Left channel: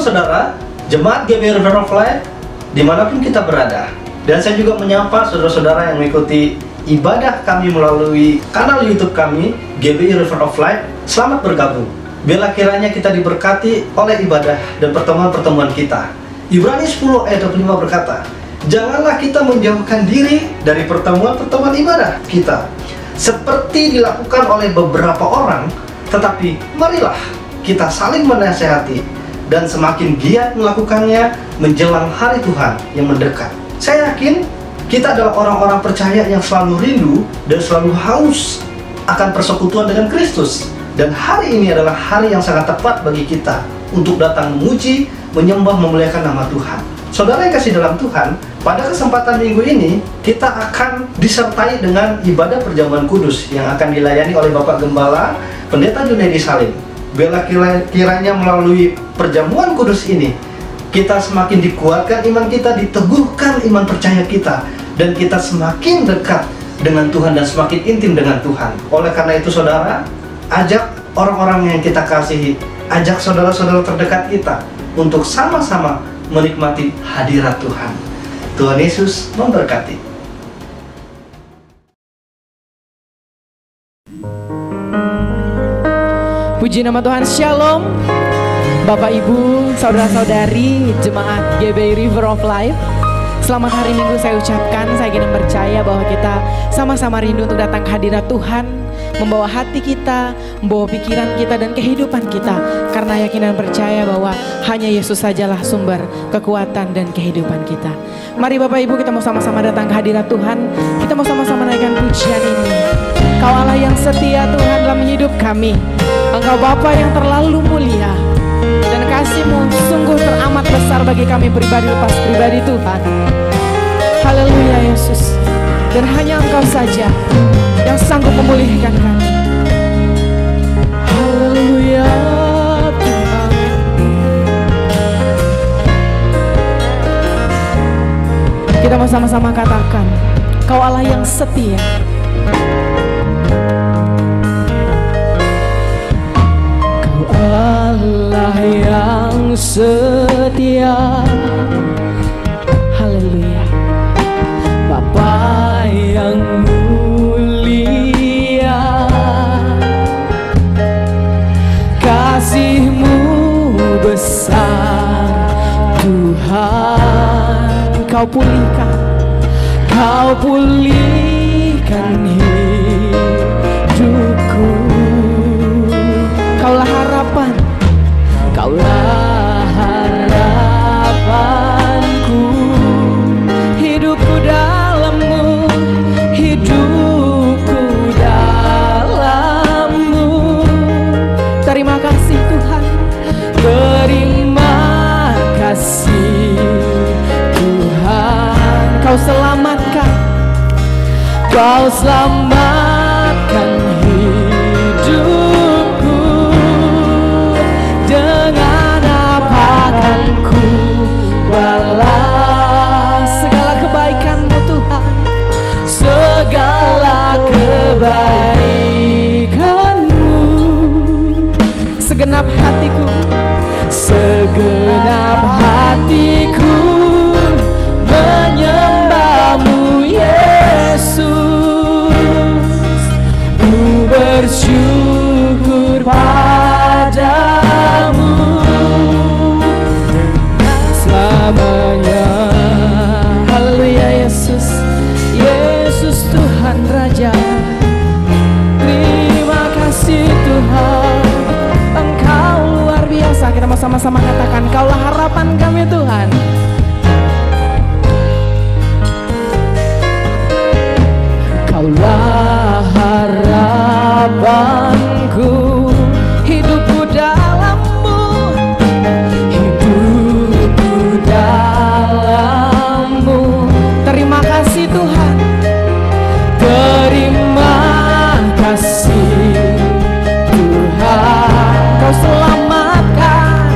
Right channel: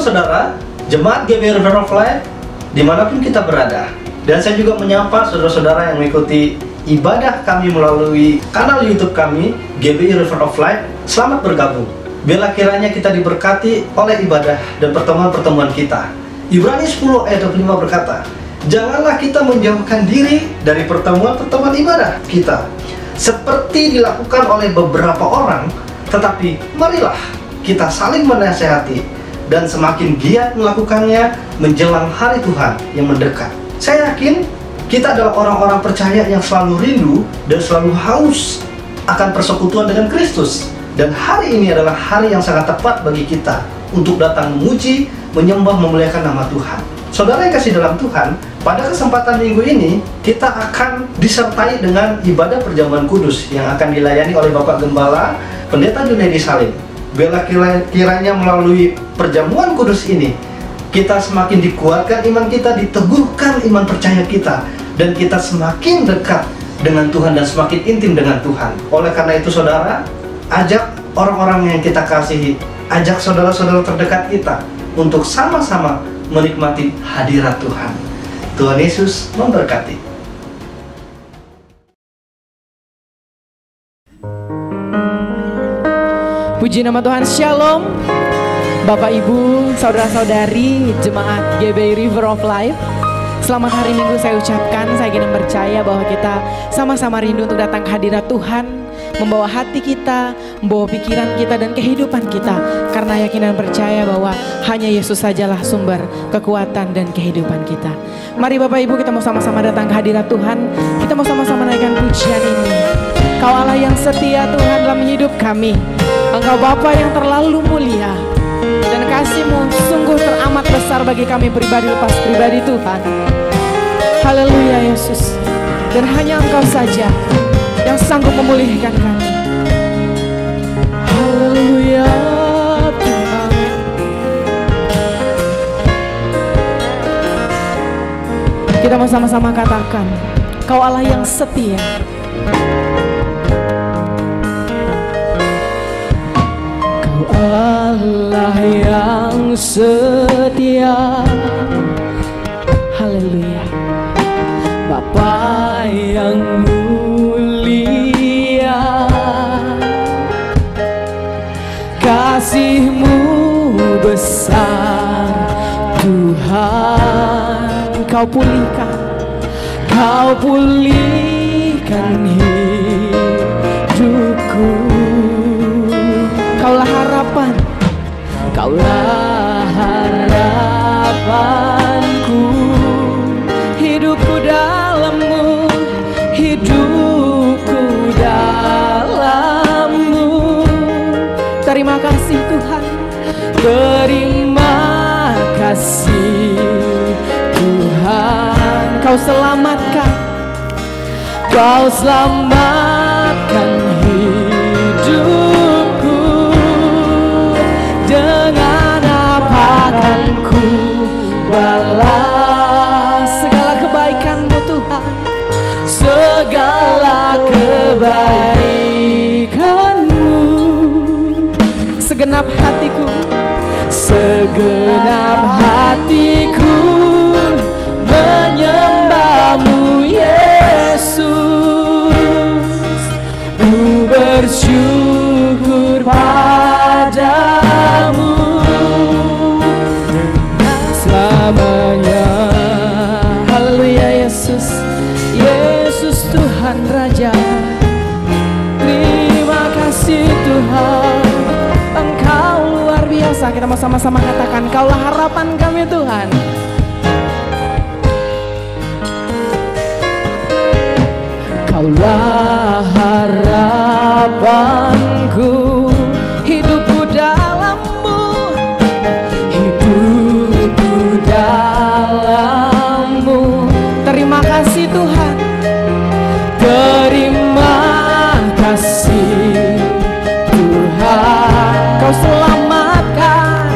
Shalom saudara, Jemaat GBI River of Life, dimanapun kita berada. Dan saya juga menyapa saudara-saudara yang mengikuti ibadah kami melalui kanal YouTube kami, GBI River of Life. Selamat bergabung. Biarlah kiranya kita diberkati oleh ibadah dan pertemuan-pertemuan kita. Ibrani 10 ayat 25 berkata, janganlah kita menjauhkan diri dari pertemuan-pertemuan ibadah kita, seperti dilakukan oleh beberapa orang, tetapi marilah kita saling menasehati dan semakin giat melakukannya menjelang hari Tuhan yang mendekat. Saya yakin kita adalah orang-orang percaya yang selalu rindu dan selalu haus akan persekutuan dengan Kristus. Dan hari ini adalah hari yang sangat tepat bagi kita untuk datang memuji, menyembah, memuliakan nama Tuhan. Saudara yang kasih dalam Tuhan, pada kesempatan minggu ini kita akan disertai dengan ibadah perjamuan kudus yang akan dilayani oleh Bapak Gembala Pendeta Junedi Salim. Biarlah kiranya melalui perjamuan kudus ini kita semakin dikuatkan iman kita, diteguhkan iman percaya kita, dan kita semakin dekat dengan Tuhan dan semakin intim dengan Tuhan. Oleh karena itu saudara, ajak orang-orang yang kita kasihi, ajak saudara-saudara terdekat kita untuk sama-sama menikmati hadirat Tuhan. Tuhan Yesus memberkati. Puji nama Tuhan, Shalom Bapak Ibu, Saudara-saudari Jemaat GBI River of Life. Selamat hari Minggu saya ucapkan. Saya ingin percaya bahwa kita sama-sama rindu untuk datang ke hadirat Tuhan, membawa hati kita, membawa pikiran kita dan kehidupan kita, karena yakin dan percaya bahwa hanya Yesus sajalah sumber kekuatan dan kehidupan kita. Mari Bapak Ibu, kita mau sama-sama datang ke hadirat Tuhan. Kita mau sama-sama naikkan pujian ini. Kau Allah yang setia Tuhan dalam hidup kami. Engkau Bapa yang terlalu mulia, dan kasih-Mu sungguh teramat besar bagi kami pribadi lepas pribadi Tuhan. Haleluya Yesus. Dan hanya Engkau saja yang sanggup memulihkan kami. Haleluya Tuhan. Kita mau sama-sama katakan, Kau Allah yang setia. Allah yang setia, haleluya. Bapa yang mulia, kasih-Mu besar Tuhan. Kau pulihkan hidupku. Kaulah harapan, Kaulah harapanku. Hidupku dalam-Mu, hidupku dalam-Mu. Terima kasih Tuhan, terima kasih Tuhan. Kau selamatkan hidup. Balas segala kebaikan-Mu Tuhan, segala kebaikan-Mu. Segenap hatiku menyembah-Mu Yesus. Ku bersyukur padamu selamanya. Haleluya Yesus, Yesus Tuhan Raja. Terima kasih Tuhan, Engkau luar biasa. Kita mau sama-sama katakan, Kaulah harapan kami Tuhan. Kaulah harapanku, hidupku dalam-Mu, dalam-Mu. Terima kasih Tuhan, terima kasih Tuhan. Kau selamatkan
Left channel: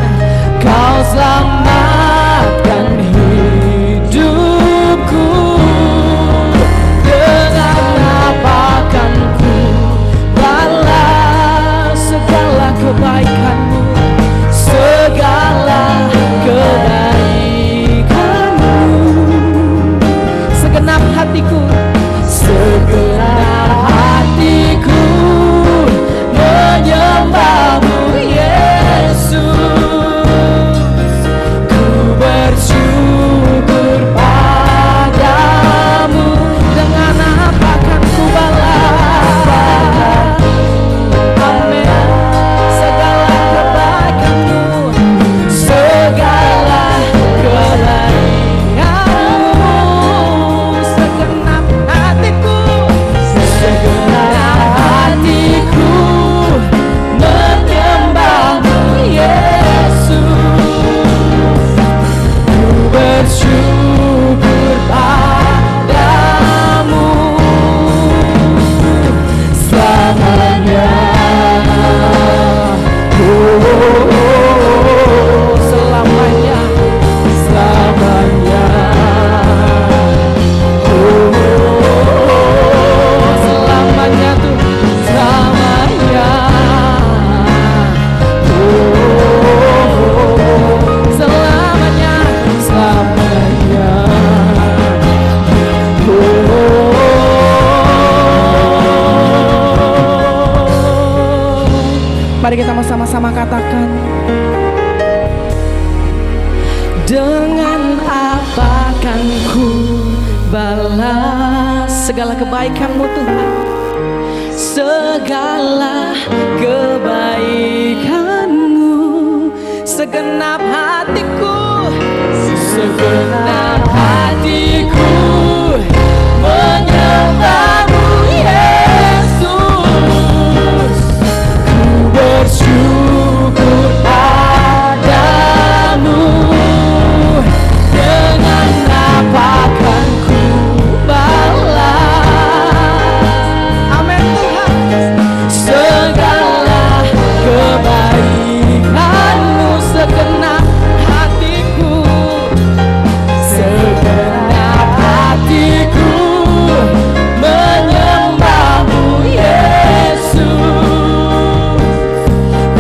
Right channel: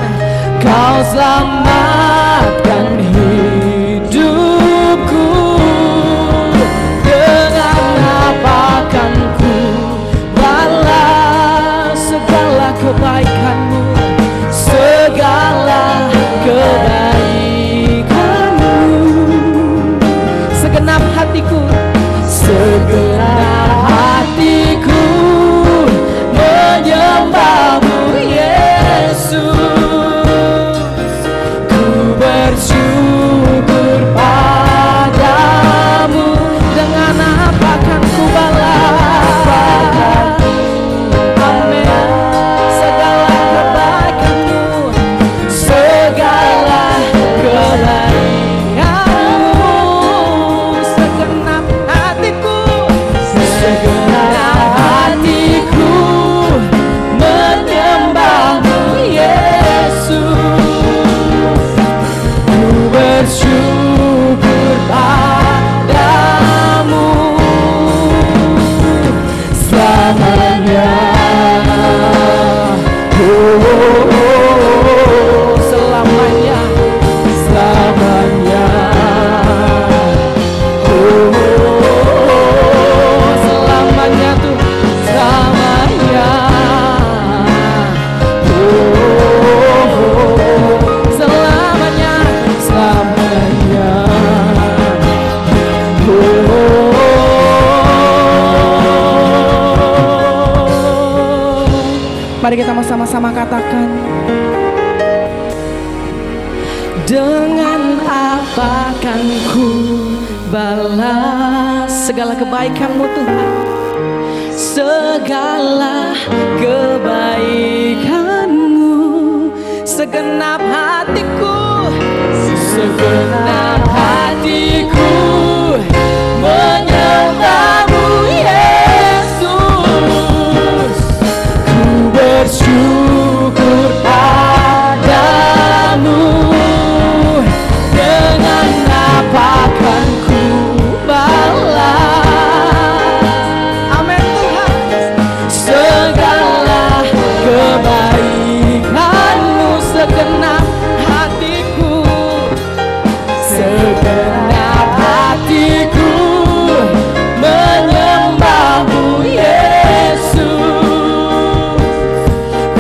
Mari kita sama-sama katakan. Dengan apa kan ku balas segala kebaikan-Mu Tuhan, segala kebaikan-Mu, segenap hatiku, segenap hatiku menyembah-Mu Yesus. Ku bersyukur padamu. Dengan apa kan ku balas, amin Tuhan, segala kebaikan-Mu, segenap hatiku, segenap hatiku menyembah-Mu Yesus.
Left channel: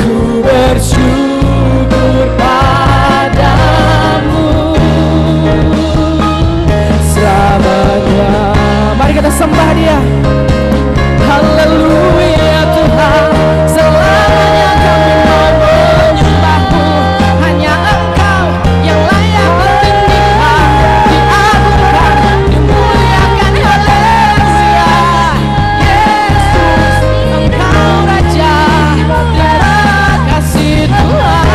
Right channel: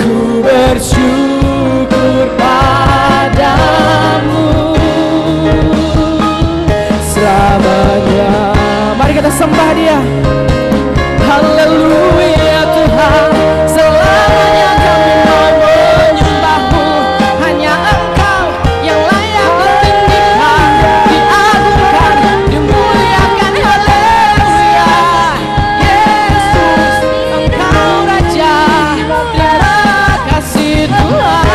Ku bersyukur padamu selamanya. Mari kita sembah Dia. Haleluya Tuhan, selamanya kami mau menyembah-Mu. Hanya Engkau yang layak ditinggikan, diagungkan, dimuliakan. Haleluya Yesus, Engkau Raja. Terima kasih Tuhan.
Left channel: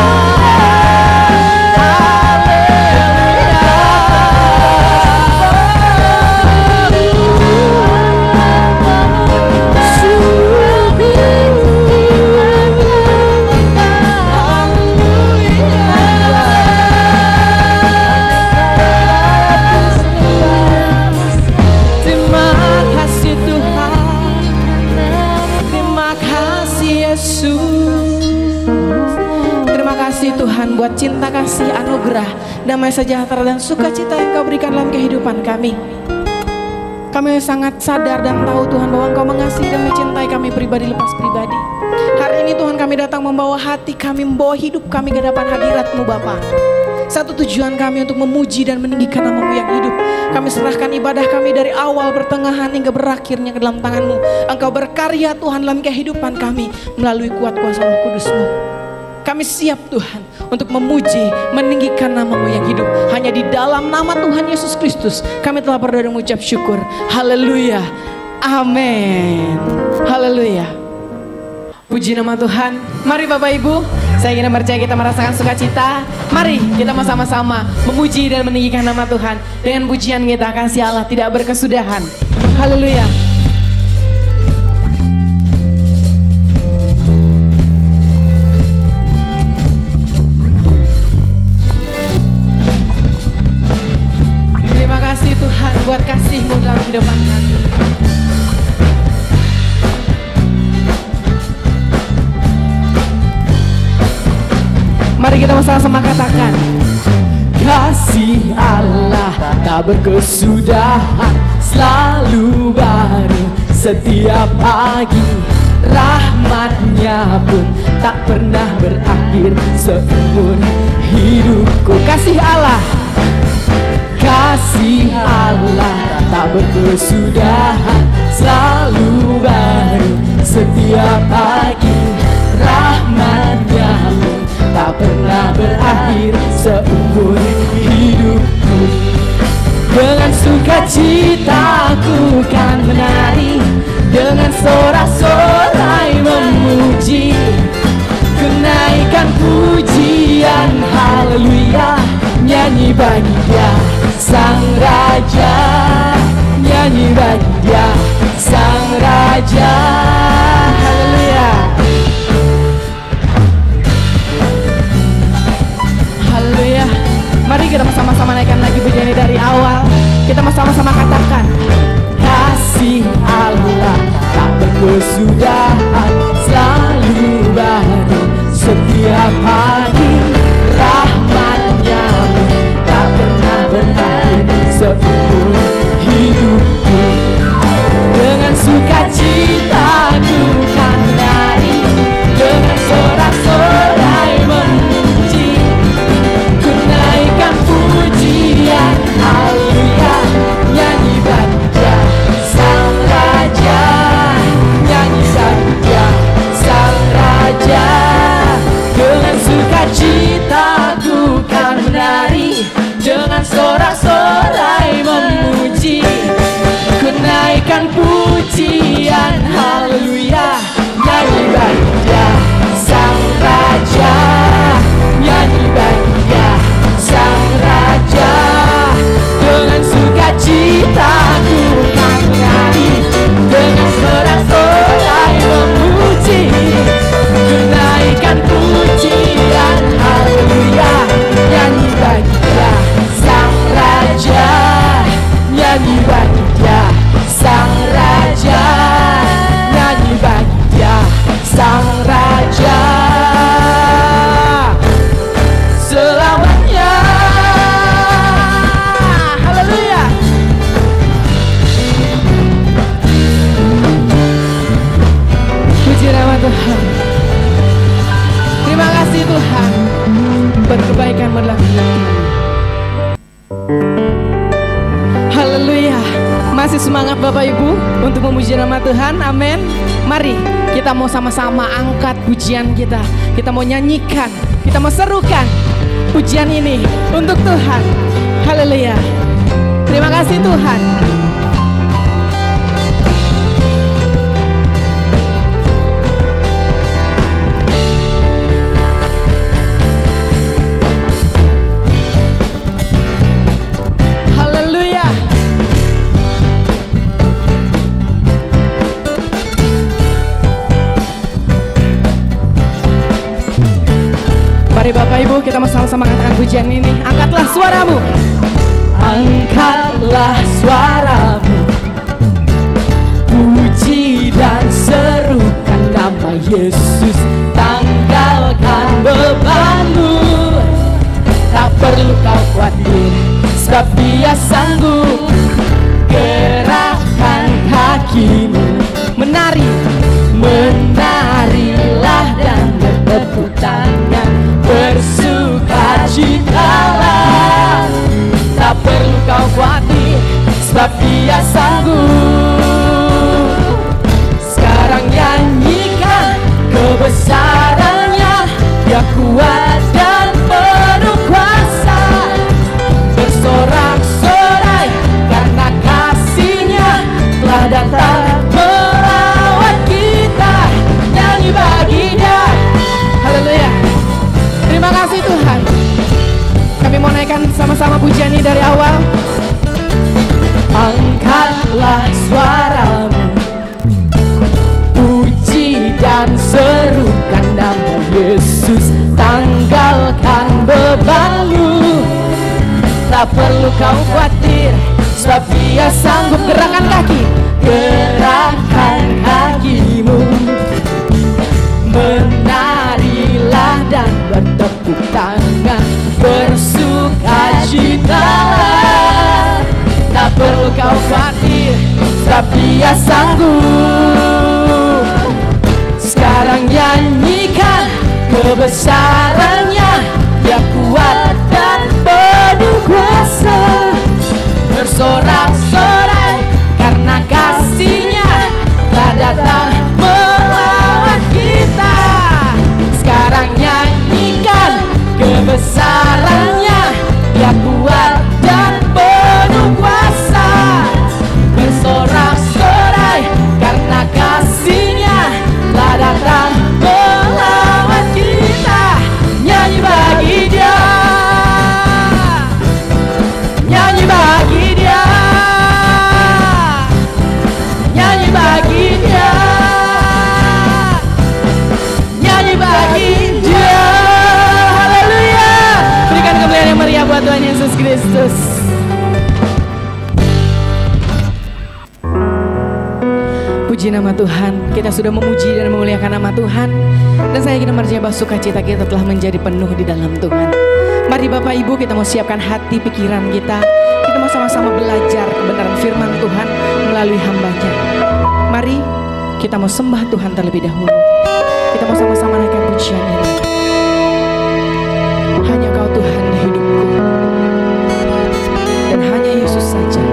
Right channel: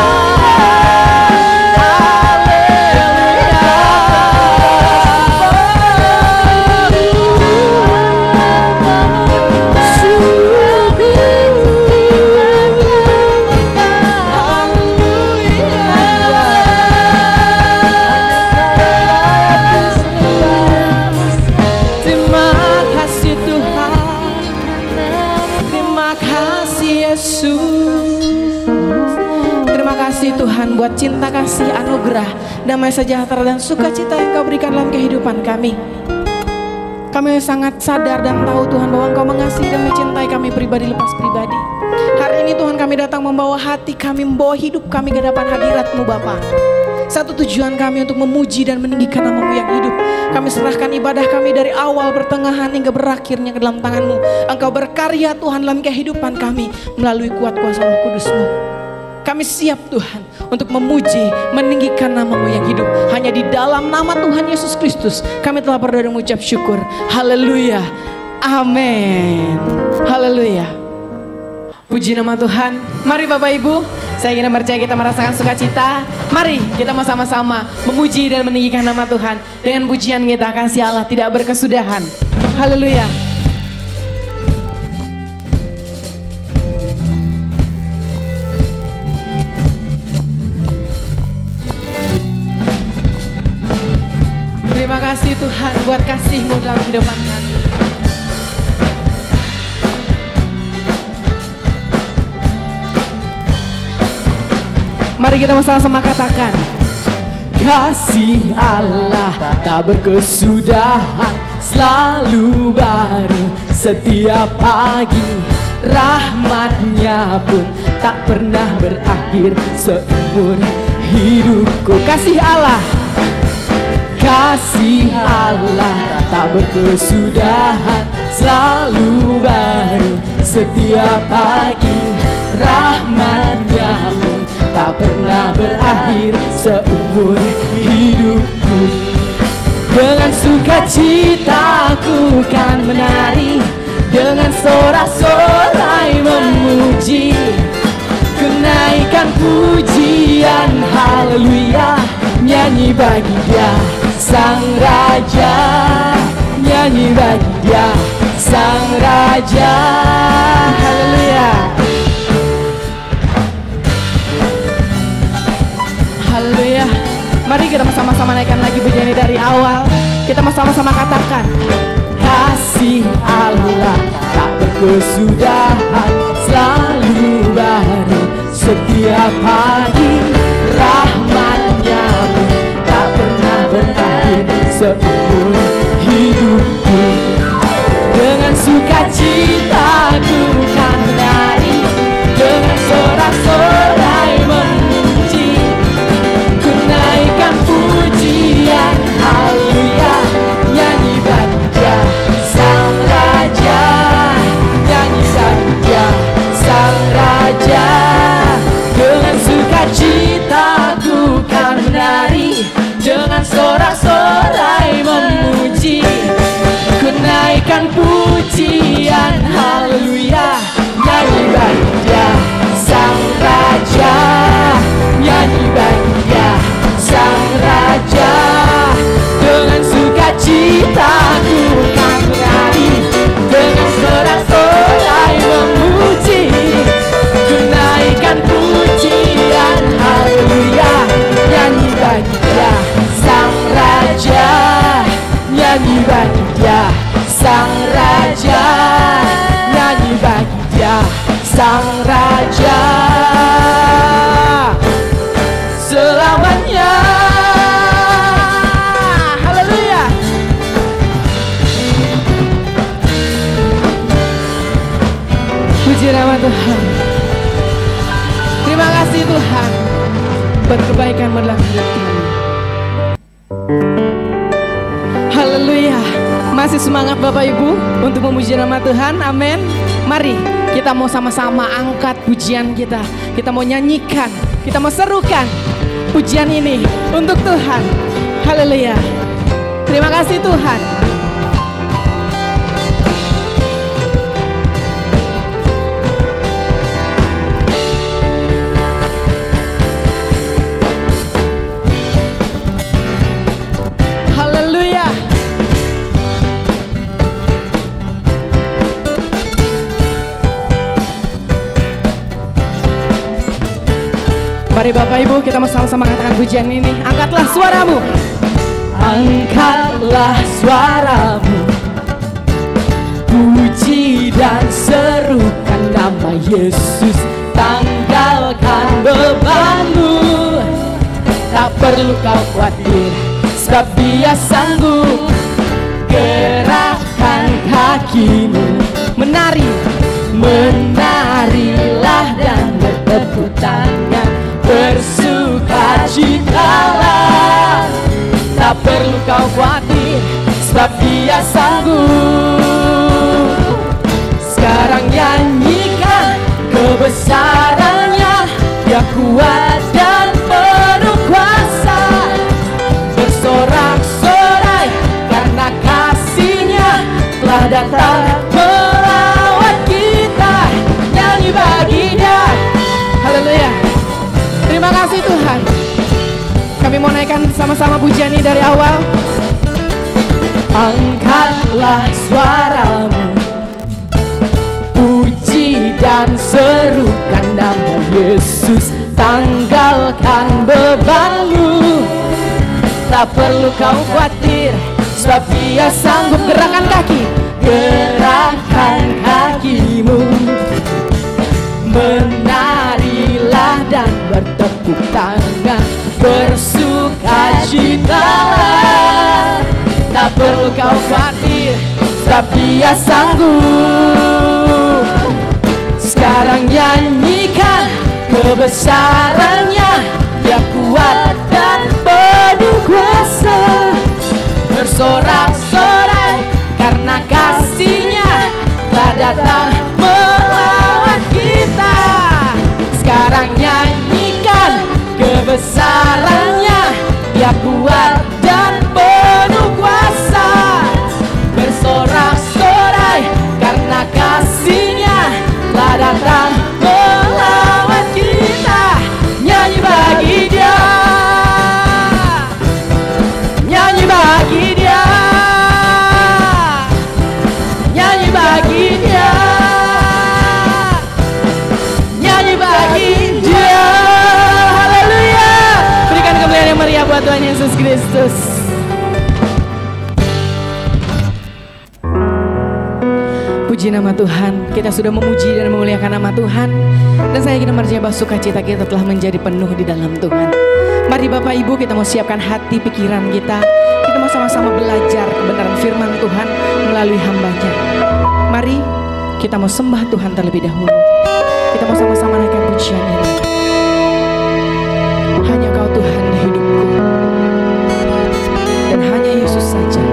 Tuhan buat cinta kasih, anugerah, damai sejahtera dan sukacita yang Kau berikan dalam kehidupan kami. Kami sangat sadar dan tahu Tuhan bahwa Engkau mengasihi dan mencintai kami pribadi lepas pribadi. Hari ini Tuhan kami datang membawa hati kami, membawa hidup kami ke hadapan hadirat-Mu Bapa. Satu tujuan kami untuk memuji dan meninggikan nama-Mu yang hidup. Kami serahkan ibadah kami dari awal, pertengahan hingga berakhirnya ke dalam tangan-Mu. Engkau berkarya Tuhan dalam kehidupan kami melalui kuat kuasa Roh Kudus-Mu. Kami siap Tuhan untuk memuji, meninggikan nama-Mu yang hidup. Hanya di dalam nama Tuhan Yesus Kristus kami telah berdoa dan mengucap syukur. Haleluya, amin. Haleluya. Puji nama Tuhan. Mari Bapak Ibu, saya ingin percaya kita merasakan sukacita. Mari kita sama-sama memuji dan meninggikan nama Tuhan. Dengan pujian kita kasih Allah tidak berkesudahan. Haleluya. Terima kasih Tuhan buat kasih-Mu dalam kehidupan kami. Mari kita sama-sama katakan. Kasih Allah tak berkesudahan, selalu baru setiap pagi. Rahmat-Nya pun tak pernah berakhir seumur hidupku. Kasih Allah, kasih Allah tak berkesudahan, selalu baru setiap pagi. Rahmat-Nya pun tak pernah berakhir seumur hidupku. Dengan sukacita ku kan menari, dengan sorak-sorai memuji, kenaikan pujian haleluya, nyanyi bagi Dia Sang Raja, nyanyi bagi Dia Sang Raja. Haleluya. Haleluya. Mari kita sama-sama naikkan lagi pujian ini dari awal. Kita sama-sama katakan. Kasih Allah tak berkesudahan, selalu baru setiap pagi. Rahmat-Nya tak pernah berakhir seumur hidupku. Dengan sukacita ku kan menari, dengan sorak-sorai memuji, kenaikan pujian haleluya, nyanyi bagi Dia Sang Raja, nyanyi bagi Dia Sang Raja. Haleluya. Masih semangat Bapak Ibu untuk memuji nama Tuhan. Amin. Mari kita mau sama-sama angkat pujian kita. Kita mau nyanyikan, kita mau serukan pujian ini untuk Tuhan. Haleluya. Terima kasih Tuhan. Mari Bapak Ibu kita sama-sama mengatakan pujian ini. Angkatlah suaramu. Angkatlah suaramu, puji dan serukan nama Yesus. Tanggalkan bebanmu, tak perlu kau khawatir, sebab Dia sanggup. Gerakkan kakimu, menari, menarilah dan bertepuk tangan, bersukacitalah. Tak perlu kau khawatir, sebab Dia sanggup. Sekarang nyanyikan kebesarannya, Dia kuat dan penuh kuasa. Bersorak-sorai karena kasih-Nya telah datang melawat kita. Nyanyi bagi Dia. Haleluya. Terima kasih Tuhan. Kami mau naikkan sama-sama pujian ini dari awal. Angkatlah suaramu, puji dan serukan nama Yesus. Tanggalkan bebanmu, tak perlu kau khawatir, sebab Dia sanggup. Gerakan kaki, gerakan kakimu, menarilah dan bertepuk tangan, bersukacitalah. Tak perlu kau khawatir, sebab Dia sanggup. Sekarang nyanyikan kebesarannya, Dia kuat dan penuh kuasa. Bersorak-sorai karena kasih-Nya telah datang melawat kita. Sekarang nyanyikan kebesarannya, Dia kuat dan penuh kuasa. Bersorak-sorai karena kasih-Nya telah datang melawat kita. Nyanyi bagi Dia, nyanyi bagi Dia, nyanyi bagi Dia, nyanyi bagi Dia. Haleluya. Berikan kemuliaan yang meriah buat Tuhan Yesus Kristus. Puji nama Tuhan. Kita sudah memuji dan memuliakan nama Tuhan, dan saya ingin percaya bahwa sukacita kita telah menjadi penuh di dalam Tuhan. Mari Bapak Ibu kita mau siapkan hati pikiran kita. Kita mau sama-sama belajar kebenaran firman Tuhan melalui hamba-Nya. Mari kita mau sembah Tuhan terlebih dahulu. Kita mau sama-sama naikkan pujian ini. Hanya Kau Tuhan di hidupku, dan hanya Yesus saja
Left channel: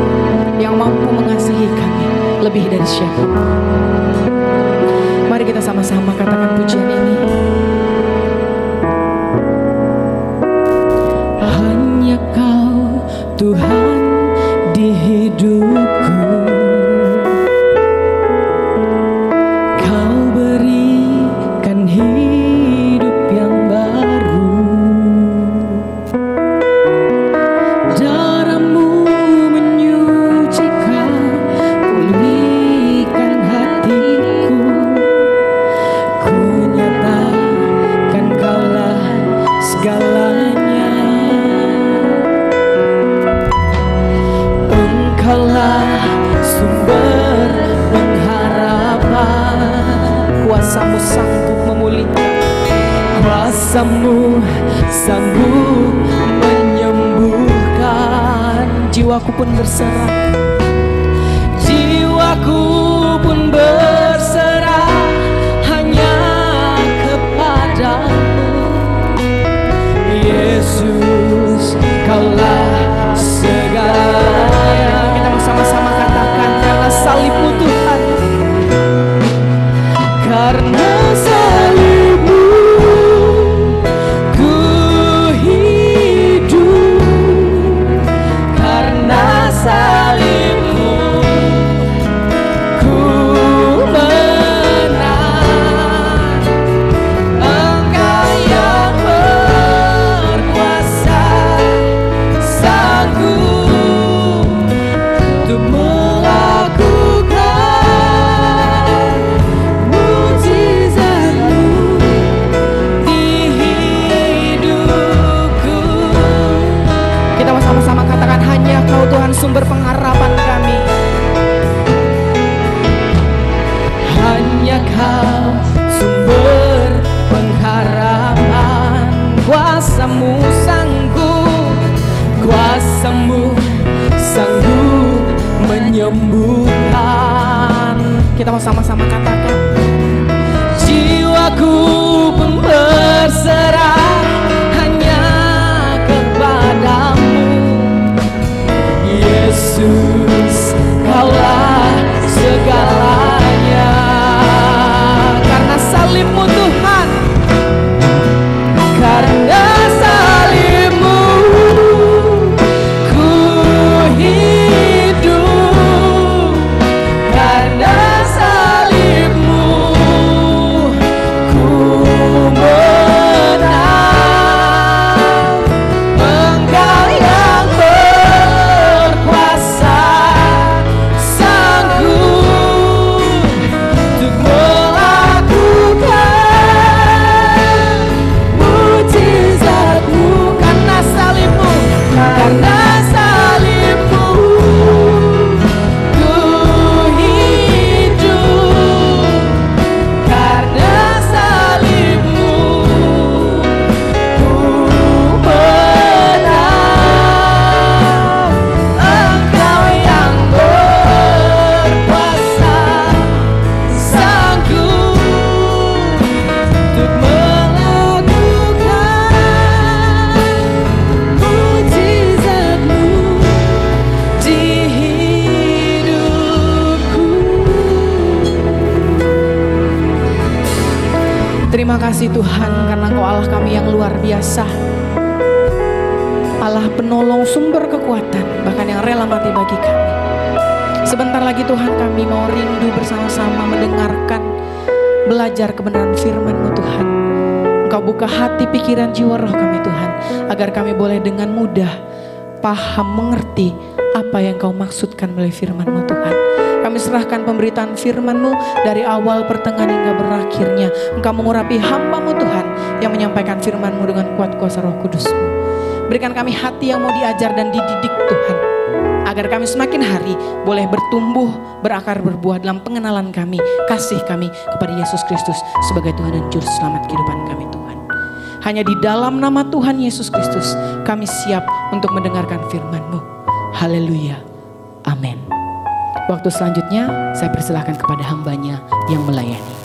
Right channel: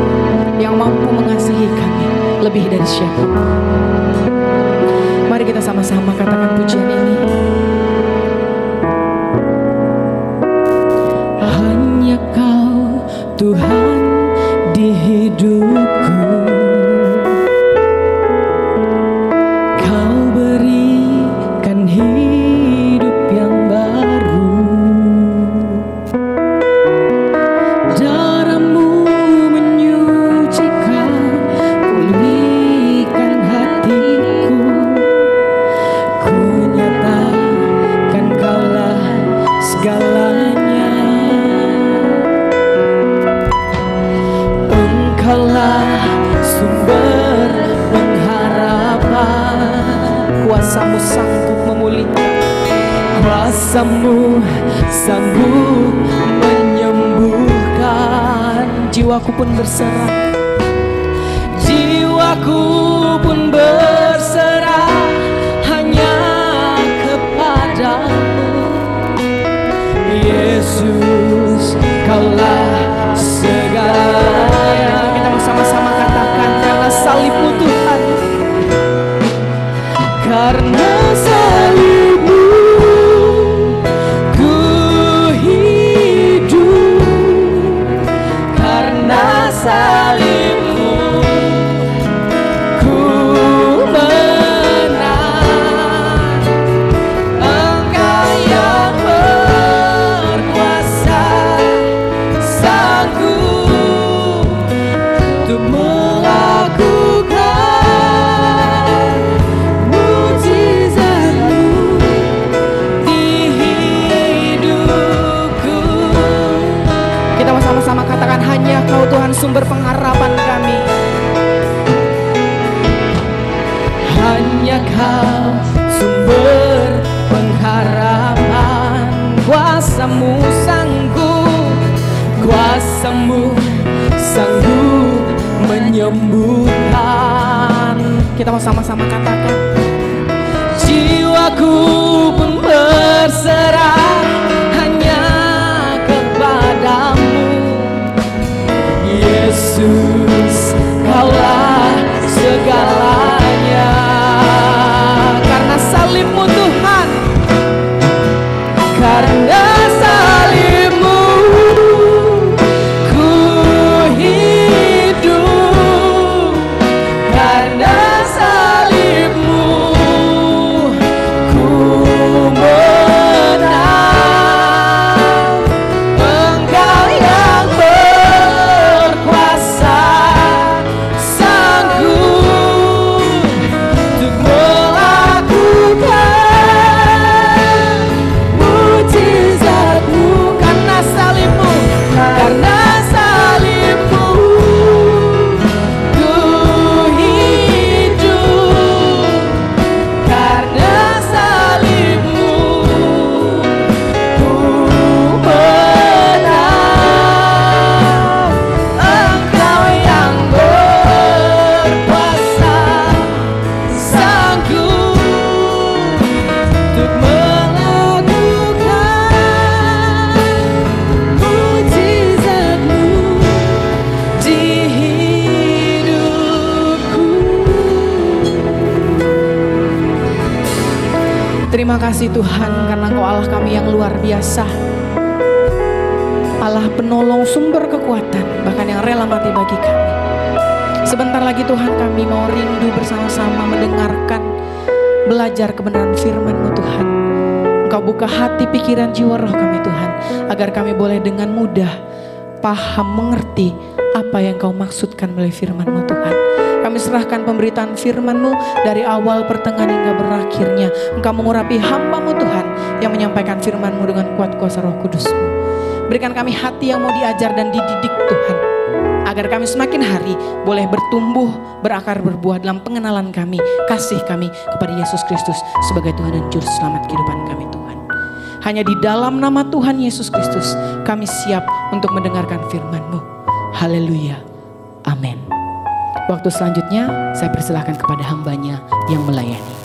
yang mampu mengasihi kami lebih dari siapapun. Mari kita sama-sama katakan pujian ini. Hanya Kau Tuhan di hidupku, Kau berikan hidup yang baru. Darah-Mu menyucikan, pulihkan hatiku. Ku nyatakan Kaulah segalanya. Engkaulah sumber pengharapan. Kuasa-Mu sanggup memulihkan, kuasa-Mu sanggup menyembuhkan. Jiwaku pun berserah, jiwaku pun berserah hanya kepadamu. Yesus, Kaulah sama-sama katakan, karena salib-Mu Tuhan, karena salib-Mu ku hidup, karena salib-Mu ku menang. Engkau yang berkuasa, sanggup untuk melakukan mujizat-Mu di hidupku. Kita mau sama-sama katakan, hanya Kau Tuhan sumber pengharapan kami. Hanya Kau sumber pengharapan, kuasa-Mu sanggup, kuasa-Mu sanggup menyembuhkan. Kita mau sama-sama katakan, jiwaku pun berserah hanya kepadamu, Yesus, Kaulah segalanya. Karena salib-Mu Tuhan, karena salib-Mu ku hidup, karena salib-Mu ku menang. Engkau yang berkuasa, sanggup untuk melakukan mujizat-Mu. Karena salib-Mu, karena salib-Mu ku hidup, karena salib-Mu ku menang. Engkau yang berkuasa, sanggup untuk melakukan mujizat-Mu di hidupku. Terima kasih Tuhan, karena Engkau Allah kami yang luar biasa, Allah penolong, sumber kekuatan, bahkan yang rela mati bagi kami. Sebentar lagi Tuhan, kami mau rindu bersama-sama mendengarkan, belajar kebenaran firman-Mu Tuhan. Engkau buka hati, pikiran, jiwa, roh kami Tuhan, agar kami boleh dengan mudah paham, mengerti apa yang Kau maksudkan melalui firman-Mu Tuhan. Kami serahkan pemberitaan firman-Mu dari awal, pertengahan hingga berakhirnya. Engkau mengurapi hamba-Mu Tuhan yang menyampaikan firman-Mu dengan kuat kuasa Roh Kudus-Mu. Berikan kami hati yang mau diajar dan dididik Tuhan, agar kami semakin hari boleh bertumbuh, berakar, berbuah dalam pengenalan kami, kasih kami kepada Yesus Kristus sebagai Tuhan dan Juru Selamat kehidupan kami Tuhan. Hanya di dalam nama Tuhan Yesus Kristus kami siap untuk mendengarkan firman-Mu. Haleluya. Amin. Waktu selanjutnya saya persilahkan kepada hambanya yang melayani.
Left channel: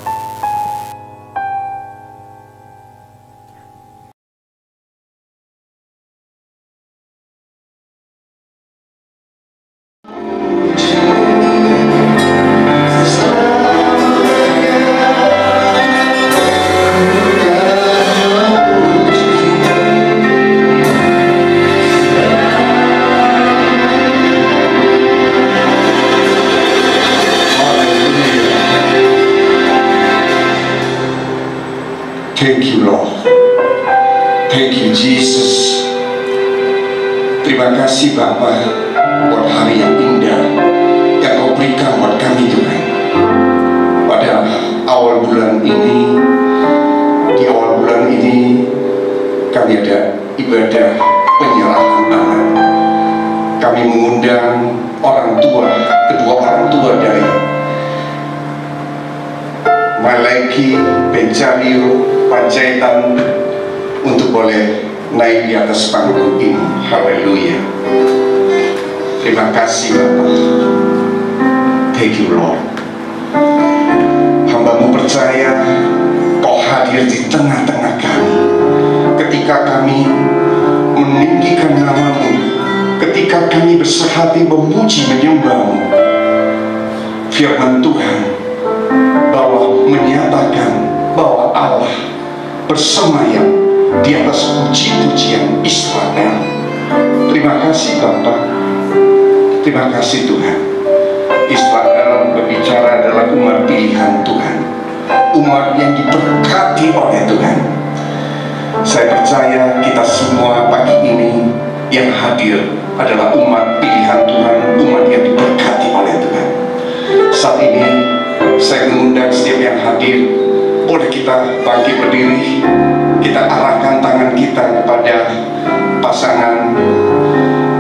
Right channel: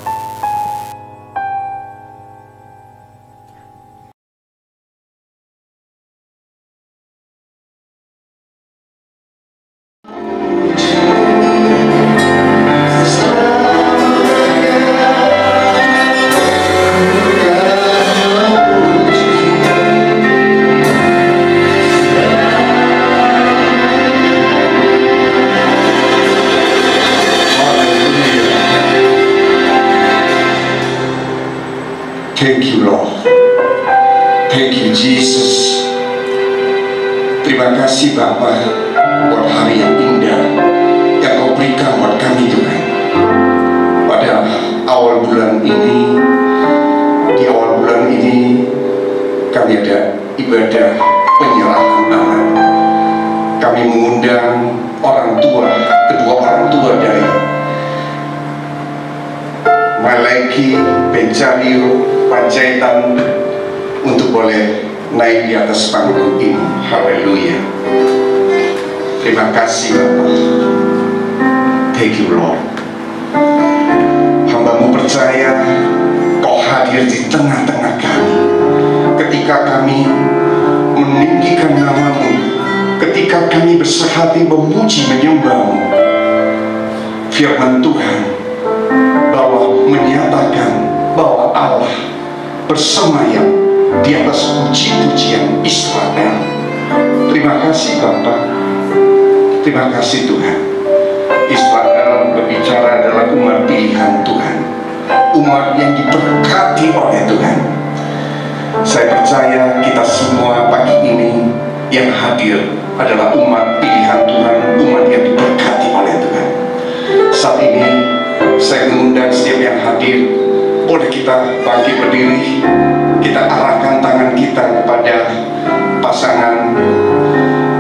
Thank you Lord. Thank you Jesus. Terima kasih Bapa buat hari yang indah yang Kau berikan buat kami Tuhan. Pada awal bulan ini, di awal bulan ini kami ada ibadah penyerahan anak. Kami mengundang orang tua, kedua orang tua dari Maleki, Bencario, Panjaitan untuk boleh naik di atas panggung ini. Haleluya. Terima kasih Bapak. Thank you Lord. Hamba-Mu percaya Kau hadir di tengah-tengah kami ketika kami meninggikan nama-Mu, ketika ketika kami bersehati memuji menyembah-Mu, firman Tuhan bahwa menyatakan bahwa Allah bersemayam di atas puji-pujian Israel. Terima kasih Bapa, terima kasih Tuhan. Israel berbicara adalah umat pilihan Tuhan, umat yang diberkati oleh Tuhan. Saya percaya kita semua pagi ini yang hadir adalah umat pilihan Tuhan, umat yang diberkati oleh Tuhan. Saat ini saya mengundang setiap yang hadir, boleh kita bangkit berdiri, kita arahkan tangan kita kepada pasangan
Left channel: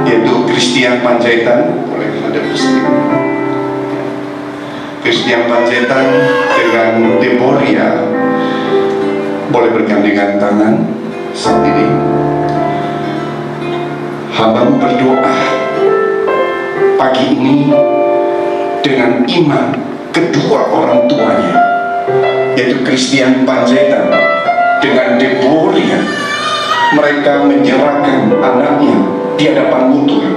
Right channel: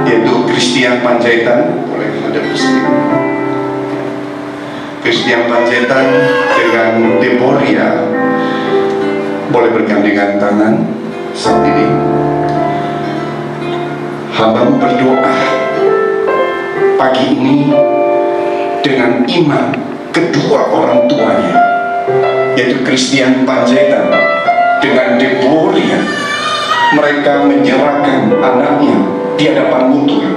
yaitu Christian Panjaitan. Boleh ada bersama Christian Panjaitan dengan Deborah, boleh bergandengan tangan saat ini. Hamba-Mu berdoa pagi ini dengan iman kedua orang tuanya, yaitu Christian Panjaitan dengan Deborah. Mereka menyerahkan anaknya di hadapan-Mu Tuhan.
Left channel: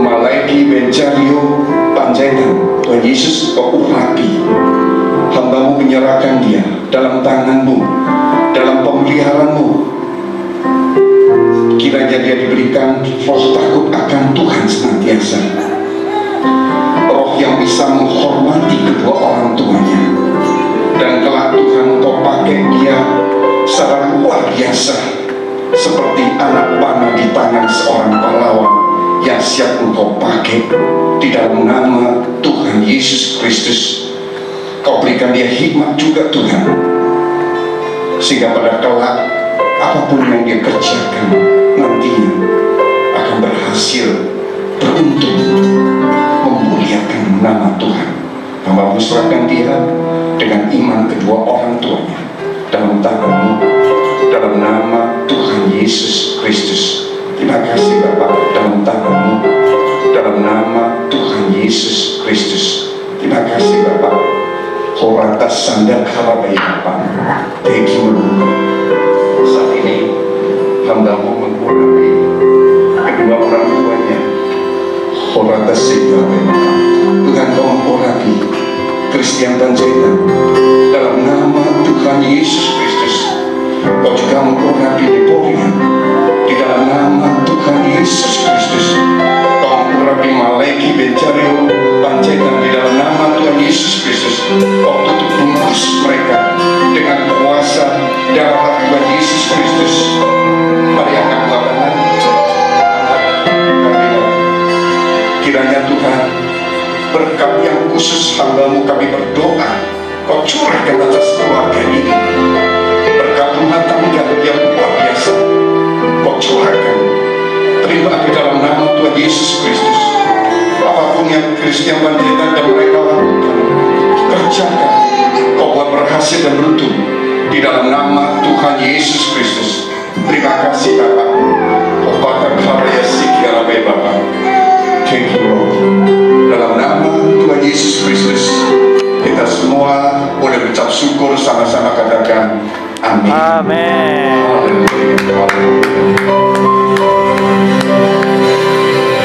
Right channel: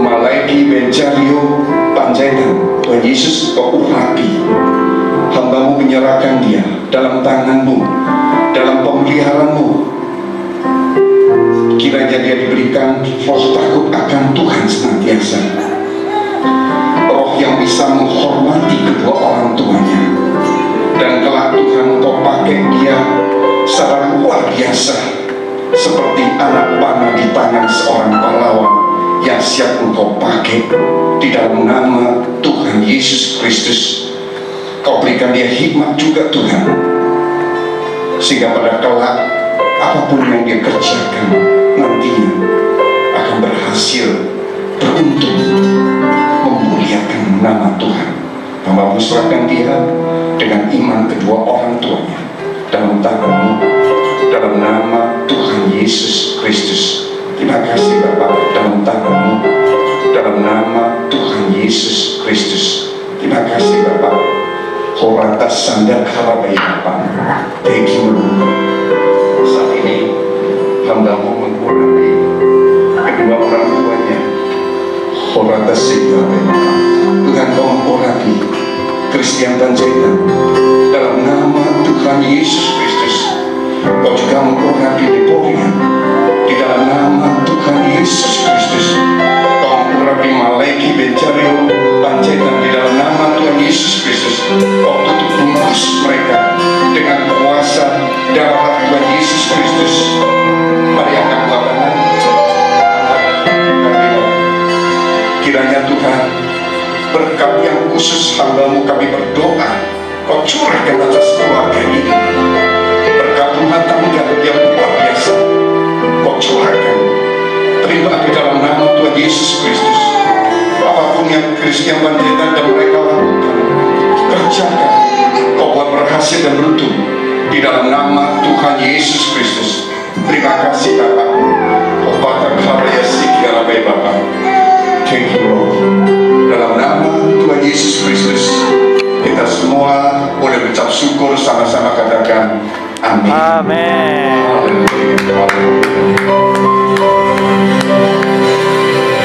Malaiki Benjario Panjaitan, Tuhan Yesus Kau urapi. Hamba-Mu menyerahkan dia dalam tangan-Mu, dalam pemeliharaan-Mu. Kiranya dia diberikan roh takut akan Tuhan senantiasa, roh yang bisa menghormati kedua orang tuanya, dan kelak Tuhan Kau pakai dia secara luar biasa, seperti anak panah di tangan seorang pahlawan yang siap Engkau pakai. Di dalam nama Tuhan Yesus Kristus, Kau berikan dia hikmat juga Tuhan, sehingga pada kelak apapun yang dia kerjakan nantinya akan berhasil, beruntung, memuliakan nama Tuhan. Hamba-Mu serahkan dia dengan iman kedua orang tuanya dalam tangan-Mu, dalam nama Tuhan Yesus Kristus. Terima kasih Bapa, dalam tangan-Mu, dalam nama Tuhan Yesus Kristus. Terima kasih Bapa. Horata sandal harabai Bapa. Thank you Lord. Saat ini hamba-Mu mengurapi kedua orang tuanya. Horata sandal Bapa. Tuhan Kau mengurapi Christian Panjaitan dalam nama Tuhan Yesus Kristus. Kau juga mengurapi Deborah di dalam nama Tuhan Yesus Kristus. Kau mengurapi Malaiki Benjario Panjaitan di dalam nama Tuhan Yesus Kristus. Kau tutup bungkus mereka dengan kuasa darah Tuhan Yesus Kristus. Mari angkat tangan. Kiranya Tuhan berkat yang khusus hamba-Mu kami berdoa Kau curahkan atas keluarga ini. Berkat rumah tangga yang luar biasa Kau curahkan. Terima di dalam nama Tuhan Yesus Kristus. Apapun yang Christian Panjaitan dan mereka lakukan, kerjakan. Kau buat berhasil dan beruntung di dalam nama Tuhan Yesus Kristus. Terima kasih Bapak. Obatan karya sikiara baik Bapak. Thank you Lord. Dalam nama Tuhan Yesus Kristus, kita semua boleh berucap syukur sama-sama, katakan amin. Amin. Haleluya.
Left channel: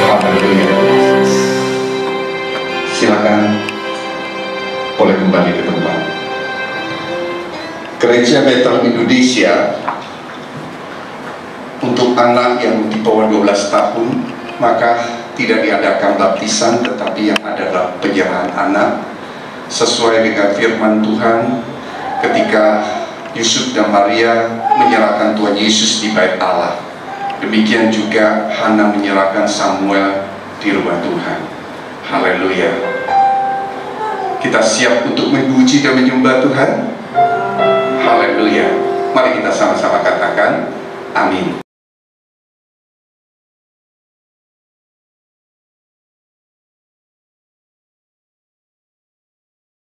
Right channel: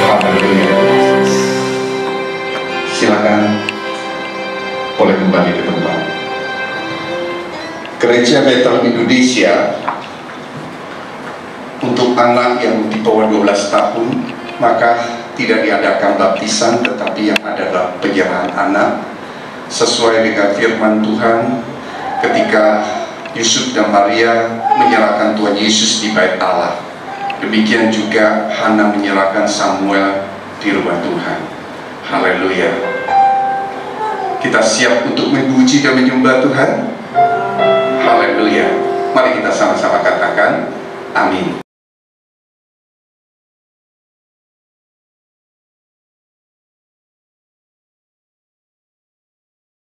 Haleluya. Silakan boleh kembali ke tempat. Gereja Bethel Indonesia untuk anak yang di bawah 12 tahun maka tidak diadakan baptisan, tetapi yang adalah penyerahan anak sesuai dengan firman Tuhan ketika Yusuf dan Maria menyerahkan Tuhan Yesus di bait Allah. Demikian juga Hana menyerahkan Samuel di rumah Tuhan. Haleluya. Kita siap untuk memuji dan menyembah Tuhan. Haleluya. Mari kita sama-sama katakan amin.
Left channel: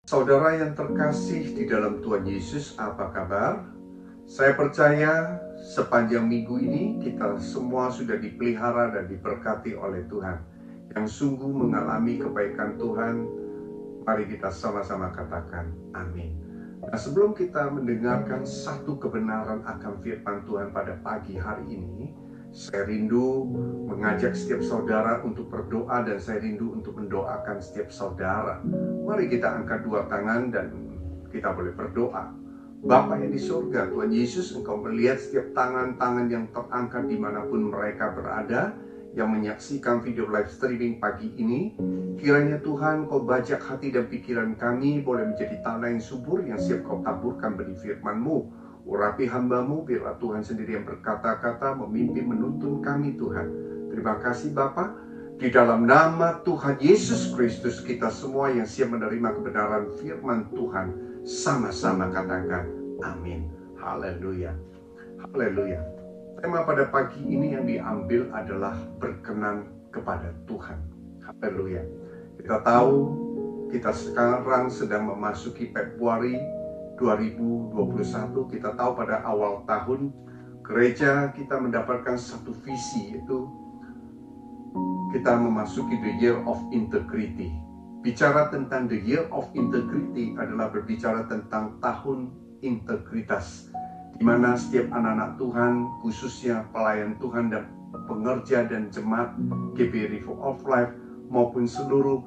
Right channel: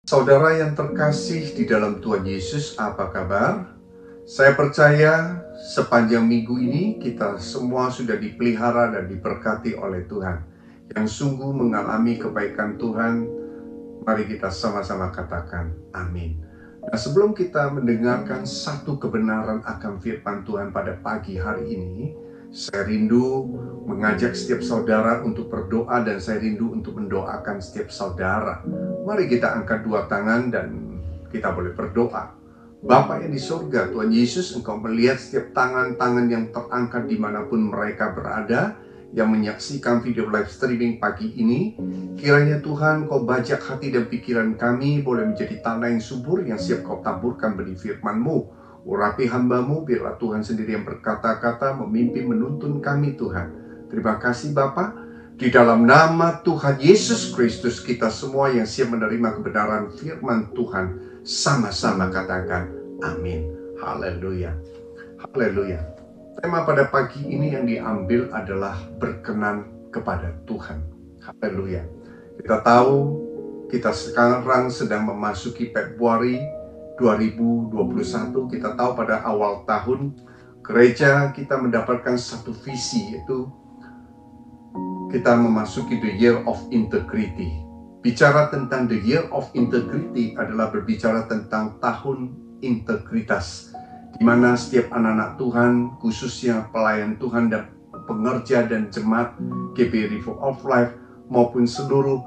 Saudara yang terkasih di dalam Tuhan Yesus, apa kabar? Saya percaya sepanjang minggu ini kita semua sudah dipelihara dan diberkati oleh Tuhan. Yang sungguh mengalami kebaikan Tuhan, mari kita sama-sama katakan amin. Nah, sebelum kita mendengarkan satu kebenaran akan firman Tuhan pada pagi hari ini, Saya rindu mengajak setiap saudara untuk berdoa dan saya rindu untuk mendoakan setiap saudara. Mari kita angkat dua tangan dan kita boleh berdoa. Bapa yang di surga, Tuhan Yesus, Engkau melihat setiap tangan-tangan yang terangkat dimanapun mereka berada, yang menyaksikan video live streaming pagi ini. Kiranya Tuhan, Kau bajak hati dan pikiran kami boleh menjadi tanah yang subur yang siap Kau taburkan benih firman-Mu. Urapi hamba-Mu, biarlah Tuhan sendiri yang berkata-kata, memimpin, menuntun kami Tuhan. Terima kasih Bapa. Di dalam nama Tuhan Yesus Kristus, kita semua yang siap menerima kebenaran firman Tuhan, sama-sama katakan amin. Haleluya. Haleluya. Tema pada pagi ini yang diambil adalah berkenan kepada Tuhan. Haleluya. Kita tahu kita sekarang sedang memasuki Februari 2021. Kita tahu pada awal tahun gereja kita mendapatkan satu visi, yaitu kita memasuki the year of integrity. Bicara tentang the year of integrity adalah berbicara tentang tahun integritas, di mana setiap anak-anak Tuhan, khususnya pelayan Tuhan dan pengerja dan jemaat GBI River of Life maupun seluruh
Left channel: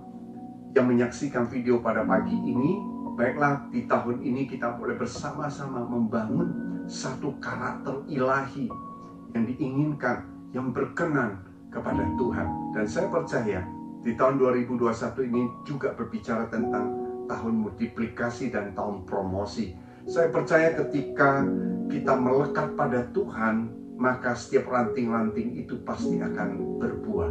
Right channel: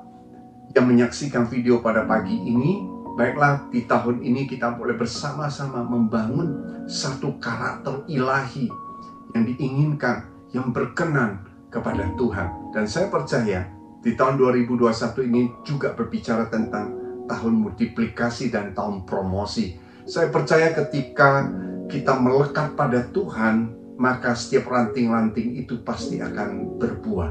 yang menyaksikan video pada pagi ini, baiklah di tahun ini kita boleh bersama-sama membangun satu karakter ilahi yang diinginkan, yang berkenan kepada Tuhan. Dan saya percaya di tahun 2021 ini juga berbicara tentang tahun multiplikasi dan tahun promosi. Saya percaya ketika kita melekat pada Tuhan, maka setiap ranting-ranting itu pasti akan berbuah.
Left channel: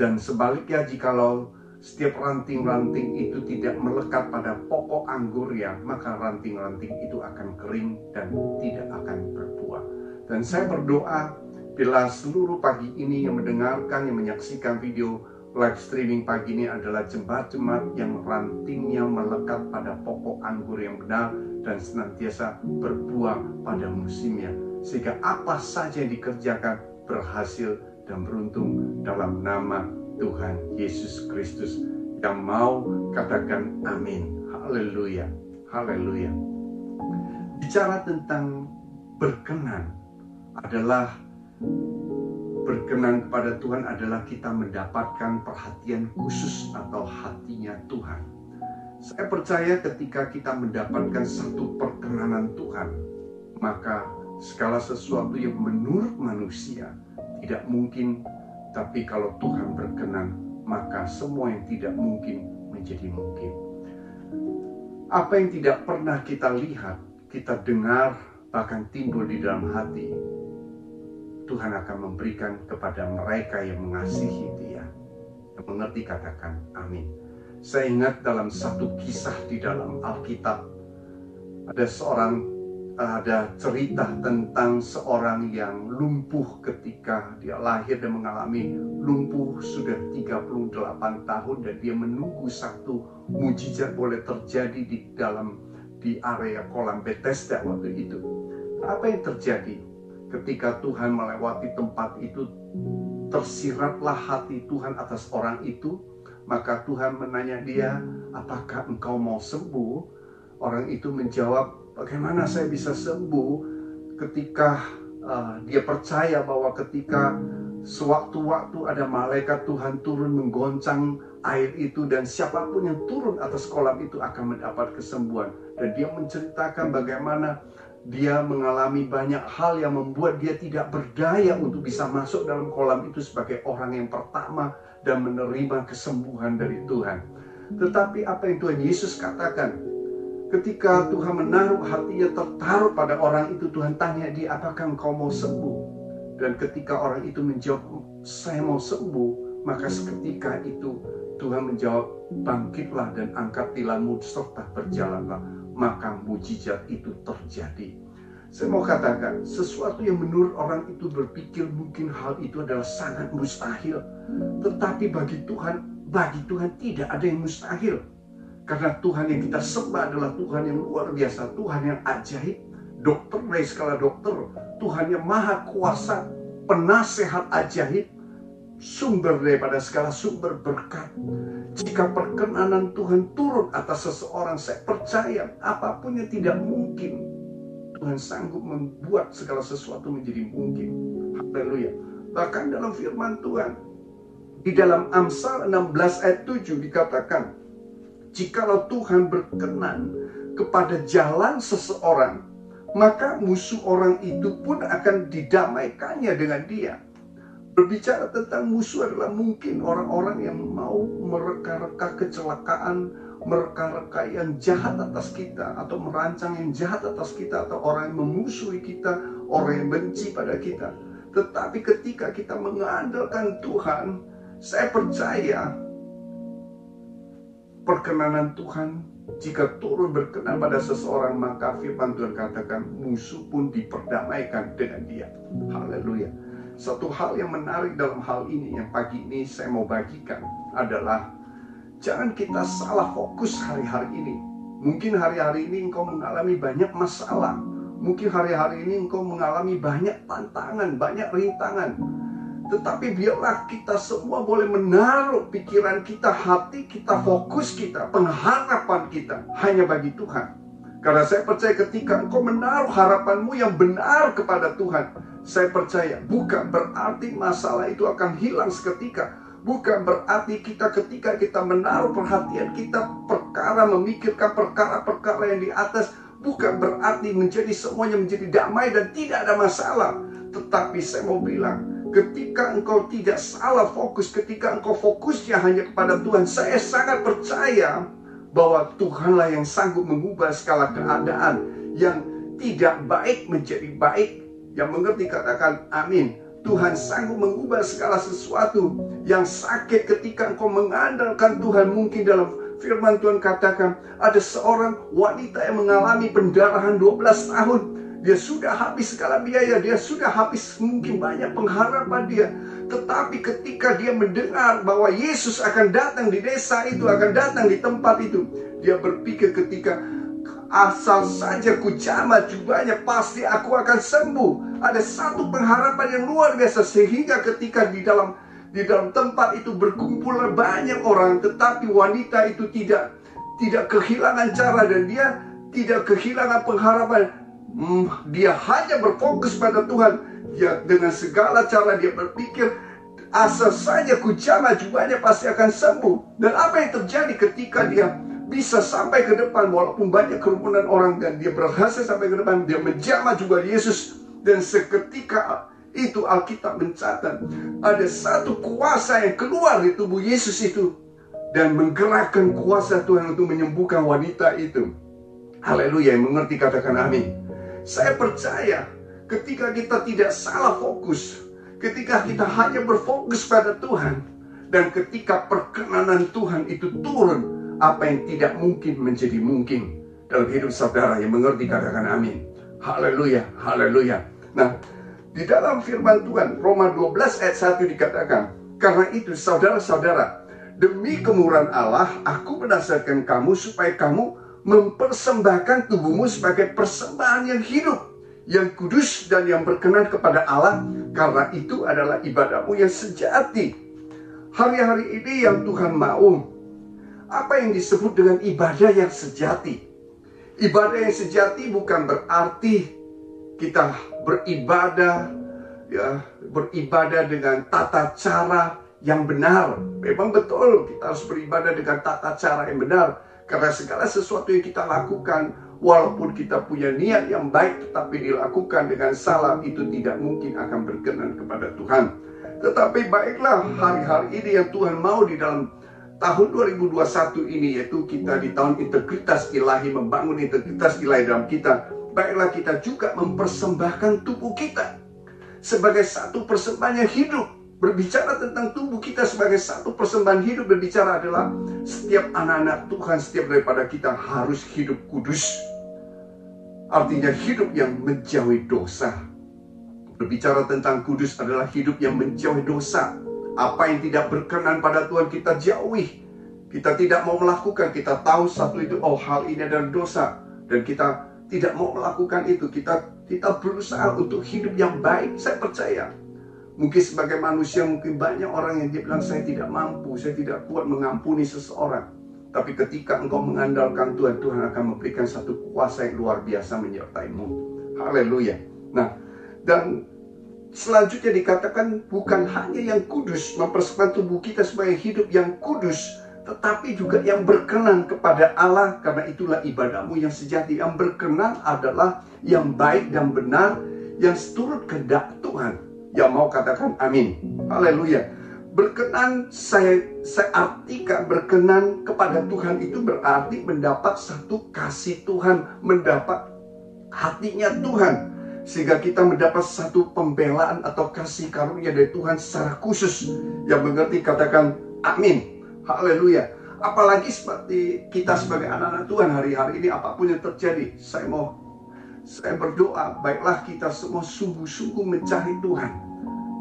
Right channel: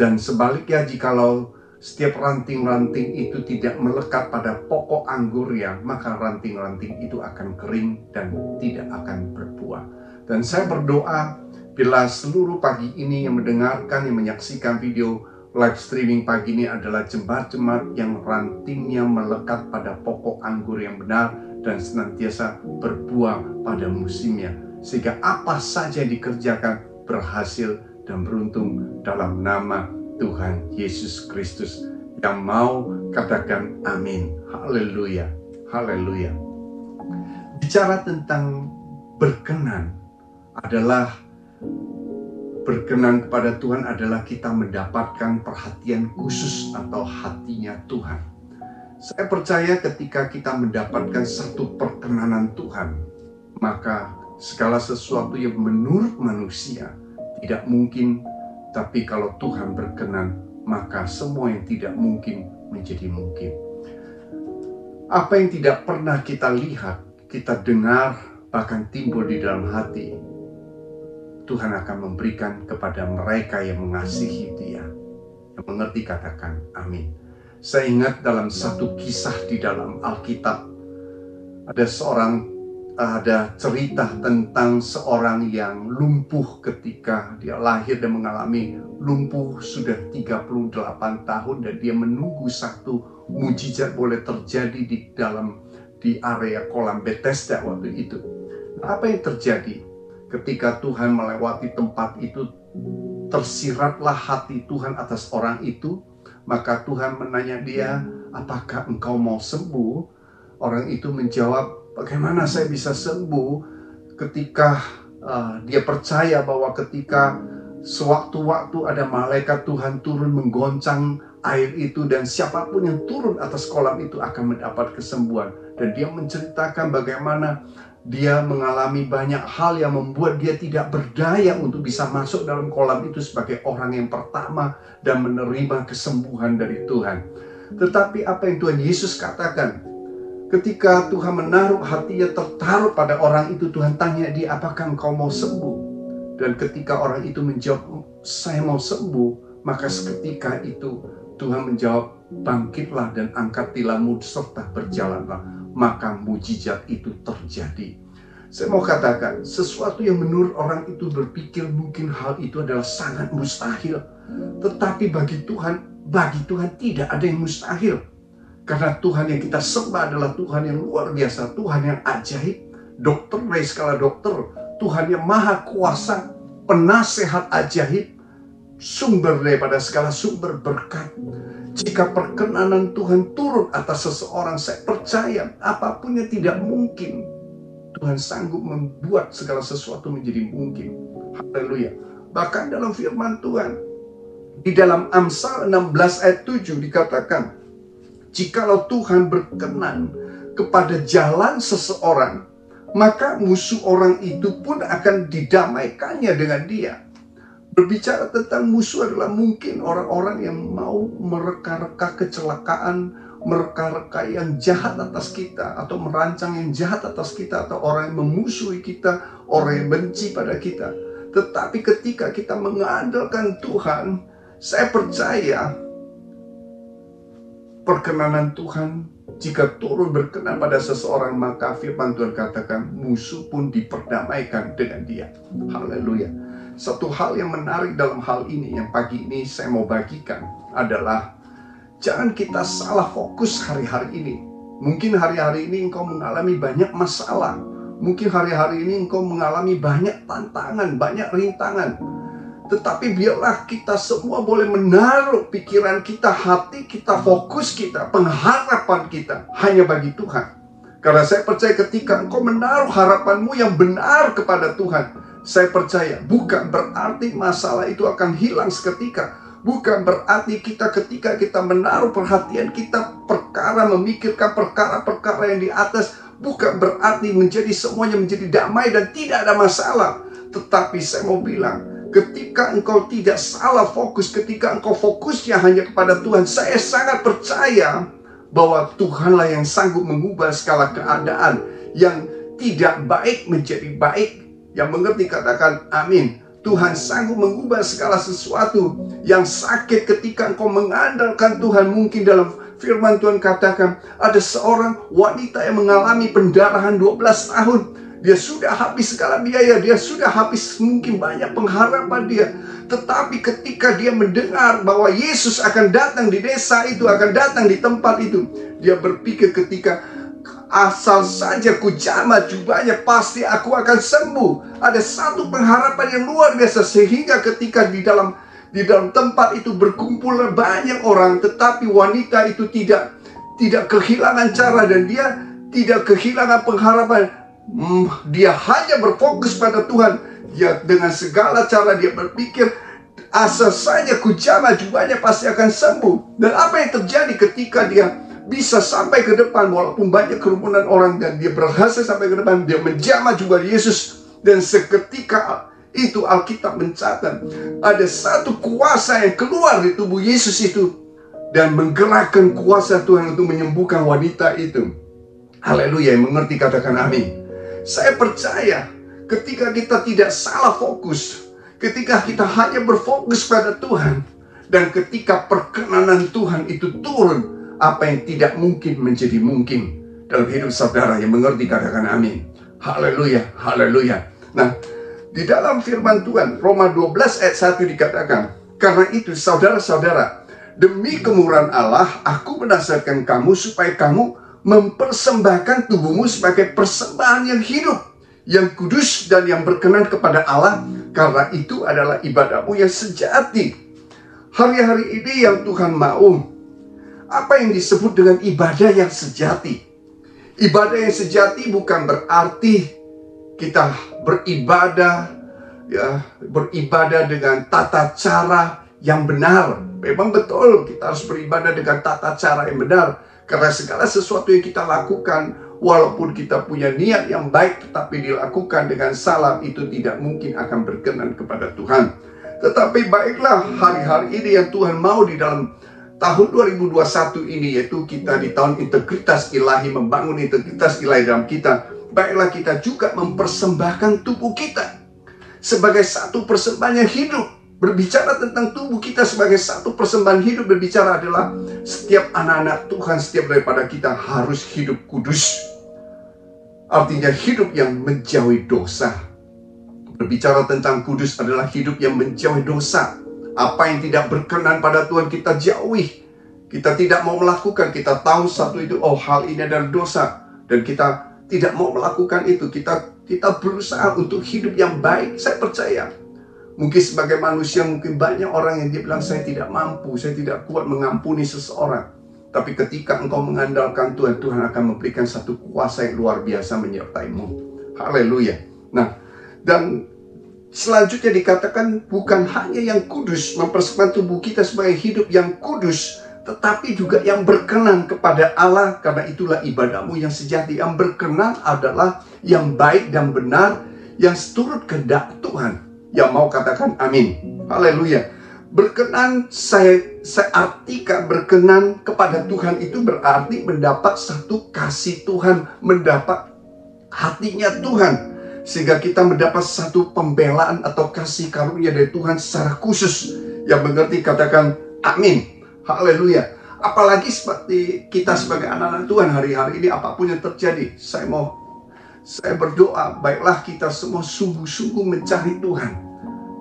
Dan sebaliknya, jikalau setiap ranting-ranting itu tidak melekat pada pokok anggurnya, maka ranting-ranting itu akan kering dan tidak akan berbuah. Dan saya berdoa bila seluruh pagi ini yang mendengarkan, yang menyaksikan video live streaming pagi ini adalah jemaat-jemaat yang rantingnya melekat pada pokok anggur yang benar dan senantiasa berbuah pada musimnya, sehingga apa saja yang dikerjakan berhasil dan beruntung dalam nama Tuhan Yesus Kristus. Yang mau katakan amin. Haleluya. Haleluya. Bicara tentang berkenan kepada Tuhan adalah kita mendapatkan perhatian khusus atau hatinya Tuhan. Saya percaya ketika kita mendapatkan satu perkenanan Tuhan, maka segala sesuatu yang menurut manusia tidak mungkin, tapi kalau Tuhan berkenan, maka semua yang tidak mungkin menjadi mungkin. Apa yang tidak pernah kita lihat, kita dengar, bahkan timbul di dalam hati, Tuhan akan memberikan kepada mereka yang mengasihi Dia. Yang mengerti katakan amin. Saya ingat dalam satu kisah di dalam Alkitab, ada cerita tentang seorang yang lumpuh ketika dia lahir dan mengalami lumpuh sudah 38 tahun, dan dia menunggu satu mujizat boleh terjadi di area kolam Bethesda waktu itu. Apa yang terjadi? Ketika Tuhan melewati tempat itu, tersiratlah hati Tuhan atas orang itu. Maka Tuhan menanya dia, apakah engkau mau sembuh? Orang itu menjawab, bagaimana saya bisa sembuh? Ketika dia percaya bahwa ketika sewaktu-waktu ada malaikat Tuhan turun menggoncang air itu, dan siapapun yang turun atas kolam itu akan mendapat kesembuhan. Dan dia menceritakan bagaimana dia mengalami banyak hal yang membuat dia tidak berdaya untuk bisa masuk dalam kolam itu sebagai orang yang pertama dan menerima kesembuhan dari Tuhan. Tetapi apa yang Tuhan Yesus katakan? Ketika Tuhan menaruh hatinya tertaruh pada orang itu, Tuhan tanya dia, apakah engkau mau sembuh? Dan ketika orang itu menjawab, saya mau sembuh, maka seketika itu Tuhan menjawab, bangkitlah dan angkat tilammu serta berjalanlah. Maka mujizat itu terjadi. Saya mau katakan, sesuatu yang menurut orang itu berpikir mungkin hal itu adalah sangat mustahil. Tetapi bagi Tuhan tidak ada yang mustahil. Karena Tuhan yang kita sembah adalah Tuhan yang luar biasa, Tuhan yang ajaib, dokter dari skala dokter, Tuhan yang maha kuasa, penasehat ajaib, sumber daripada segala sumber berkat. Jika perkenanan Tuhan turun atas seseorang, saya percaya apapun yang tidak mungkin, Tuhan sanggup membuat segala sesuatu menjadi mungkin. Haleluya. Bahkan dalam firman Tuhan, di dalam Amsal 16 ayat 7 dikatakan, jikalau Tuhan berkenan kepada jalan seseorang, maka musuh orang itu pun akan didamaikannya dengan dia. Berbicara tentang musuh adalah mungkin orang-orang yang mau mereka-reka kecelakaan, mereka-reka yang jahat atas kita, atau merancang yang jahat atas kita, atau orang yang memusuhi kita, orang yang benci pada kita. Tetapi ketika kita mengandalkan Tuhan, saya percaya perkenanan Tuhan jika turun berkenan pada seseorang, maka firman Tuhan katakan musuh pun diperdamaikan dengan dia. Haleluya. Satu hal yang menarik dalam hal ini yang pagi ini saya mau bagikan adalah jangan kita salah fokus hari-hari ini. Mungkin hari-hari ini engkau mengalami banyak masalah. Mungkin hari-hari ini engkau mengalami banyak tantangan, banyak rintangan. Tetapi biarlah kita semua boleh menaruh pikiran kita, hati kita, fokus kita, pengharapan kita hanya bagi Tuhan. Karena saya percaya ketika engkau menaruh harapanmu yang benar kepada Tuhan, saya percaya bukan berarti masalah itu akan hilang seketika. Bukan berarti ketika kita menaruh perhatian kita memikirkan perkara-perkara yang di atas, bukan berarti semuanya menjadi damai dan tidak ada masalah. Tetapi saya mau bilang, ketika engkau tidak salah fokus, ketika engkau fokusnya hanya kepada Tuhan, saya sangat percaya bahwa Tuhanlah yang sanggup mengubah segala keadaan yang tidak baik menjadi baik. Yang mengerti katakan amin. Tuhan sanggup mengubah segala sesuatu yang sakit ketika engkau mengandalkan Tuhan. Mungkin dalam firman Tuhan katakan ada seorang wanita yang mengalami pendarahan 12 tahun. Dia sudah habis segala biaya, dia sudah habis mungkin banyak pengharapan dia. Tetapi ketika dia mendengar bahwa Yesus akan datang di desa itu, akan datang di tempat itu, dia berpikir ketika asal saja ku jamah jubahnya pasti aku akan sembuh. Ada satu pengharapan yang luar biasa sehingga ketika di dalam tempat itu berkumpul banyak orang, tetapi wanita itu tidak kehilangan cara dan dia tidak kehilangan pengharapan. Dia hanya berfokus pada Tuhan. Dia dengan segala cara dia berpikir asal saja ku jamah jubahnya pasti akan sembuh. Dan apa yang terjadi ketika dia bisa sampai ke depan walaupun banyak kerumunan orang, dan dia berhasil sampai ke depan, dia menjamah jubah Yesus. Dan seketika itu Alkitab mencatat ada satu kuasa yang keluar di tubuh Yesus itu dan menggerakkan kuasa Tuhan untuk menyembuhkan wanita itu. Haleluya, yang mengerti katakan amin. Saya percaya ketika kita tidak salah fokus, ketika kita hanya berfokus pada Tuhan, dan ketika perkenanan Tuhan itu turun, apa yang tidak mungkin menjadi mungkin dalam hidup saudara. Yang mengerti katakan amin. Haleluya, haleluya. Nah, di dalam firman Tuhan Roma 12 ayat 1 dikatakan, karena itu saudara-saudara, demi kemurahan Allah aku menasihatkan kamu supaya kamu mempersembahkan tubuhmu sebagai persembahan yang hidup, yang kudus dan yang berkenan kepada Allah, karena itu adalah ibadahmu yang sejati. Hari-hari ini yang Tuhan mau, apa yang disebut dengan ibadah yang sejati? Ibadah yang sejati bukan berarti kita beribadah dengan tata cara yang benar. Memang betul kita harus beribadah dengan tata cara yang benar, karena segala sesuatu yang kita lakukan, walaupun kita punya niat yang baik tetapi dilakukan dengan salah, itu tidak mungkin akan berkenan kepada Tuhan. Tetapi baiklah, hari-hari ini yang Tuhan mau di dalam tahun 2021 ini, yaitu kita di tahun integritas ilahi, membangun integritas ilahi dalam kita. Baiklah kita juga mempersembahkan tubuh kita sebagai satu persembahan yang hidup. Berbicara tentang tubuh kita sebagai satu persembahan hidup, berbicara adalah setiap anak-anak Tuhan, setiap daripada kita harus hidup kudus. Artinya hidup yang menjauhi dosa. Berbicara tentang kudus adalah hidup yang menjauhi dosa. Apa yang tidak berkenan pada Tuhan kita jauhi. Kita tidak mau melakukan. Kita tahu satu itu, oh hal ini adalah dosa, dan kita tidak mau melakukan itu. Kita berusaha untuk hidup yang baik. Saya percaya mungkin sebagai manusia, mungkin banyak orang yang dia bilang saya tidak mampu, saya tidak kuat mengampuni seseorang. Tapi ketika engkau mengandalkan Tuhan, Tuhan akan memberikan satu kuasa yang luar biasa menyertaimu. Haleluya. Nah, dan Selanjutnya dikatakan bukan hanya yang kudus, mempersembahkan tubuh kita sebagai hidup yang kudus, tetapi juga yang berkenan kepada Allah. Karena itulah ibadahmu yang sejati. Yang berkenan adalah yang baik dan benar, yang seturut kehendak Tuhan. Yang mau katakan amin. Haleluya. Berkenan, saya artikan berkenan kepada Tuhan itu berarti mendapat satu kasih Tuhan, mendapat hatinya Tuhan, sehingga kita mendapat satu pembelaan atau kasih karunia dari Tuhan secara khusus. Yang mengerti katakan amin. Haleluya. Apalagi seperti kita sebagai anak-anak Tuhan hari-hari ini, apapun yang terjadi, saya berdoa, baiklah kita semua sungguh-sungguh mencari Tuhan.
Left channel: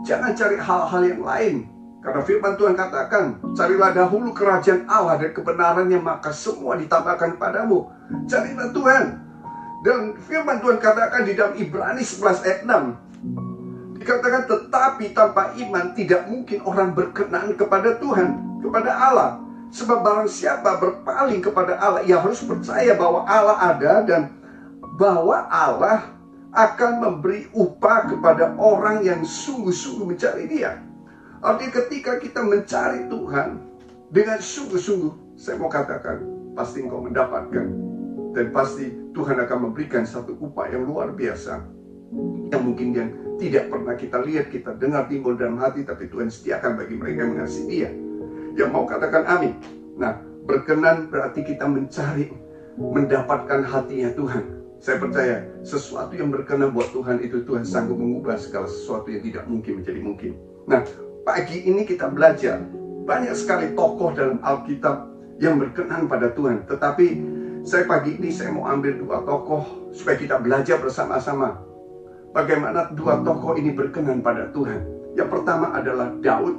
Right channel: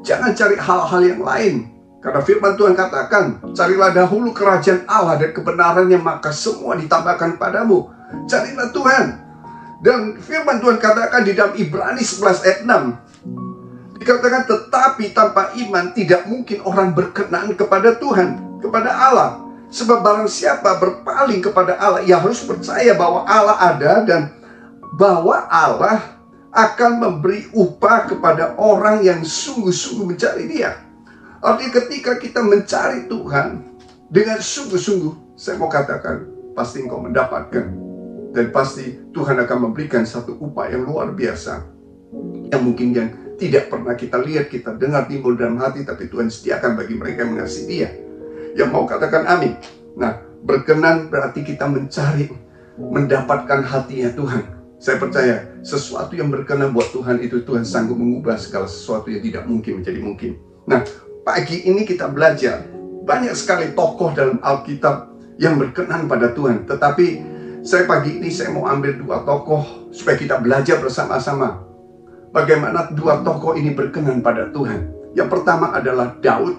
Jangan cari hal-hal yang lain. Karena firman Tuhan katakan, carilah dahulu kerajaan Allah dan kebenarannya, maka semua ditambahkan padamu. Carilah Tuhan. Dan firman Tuhan katakan di dalam Ibrani 11 ayat 6, dikatakan, tetapi tanpa iman tidak mungkin orang berkenan kepada Tuhan, kepada Allah. Sebab barang siapa berpaling kepada Allah, ia harus percaya bahwa Allah ada dan bahwa Allah akan memberi upah kepada orang yang sungguh-sungguh mencari Dia. Artinya ketika kita mencari Tuhan dengan sungguh-sungguh, saya mau katakan, pasti engkau mendapatkan. Dan pasti Tuhan akan memberikan satu upah yang luar biasa, yang mungkin yang tidak pernah kita lihat, kita dengar timbul dalam hati, tapi Tuhan sediakan bagi mereka yang mengasihi Dia. Yang mau katakan amin. Nah, berkenan berarti kita mencari, mendapatkan hatinya Tuhan. Saya percaya sesuatu yang berkenan buat Tuhan itu, Tuhan sanggup mengubah segala sesuatu yang tidak mungkin menjadi mungkin. Nah, pagi ini kita belajar banyak sekali tokoh dalam Alkitab yang berkenan pada Tuhan. Tetapi pagi ini saya mau ambil dua tokoh supaya kita belajar bersama-sama bagaimana dua tokoh ini berkenan pada Tuhan. Yang pertama adalah Daud.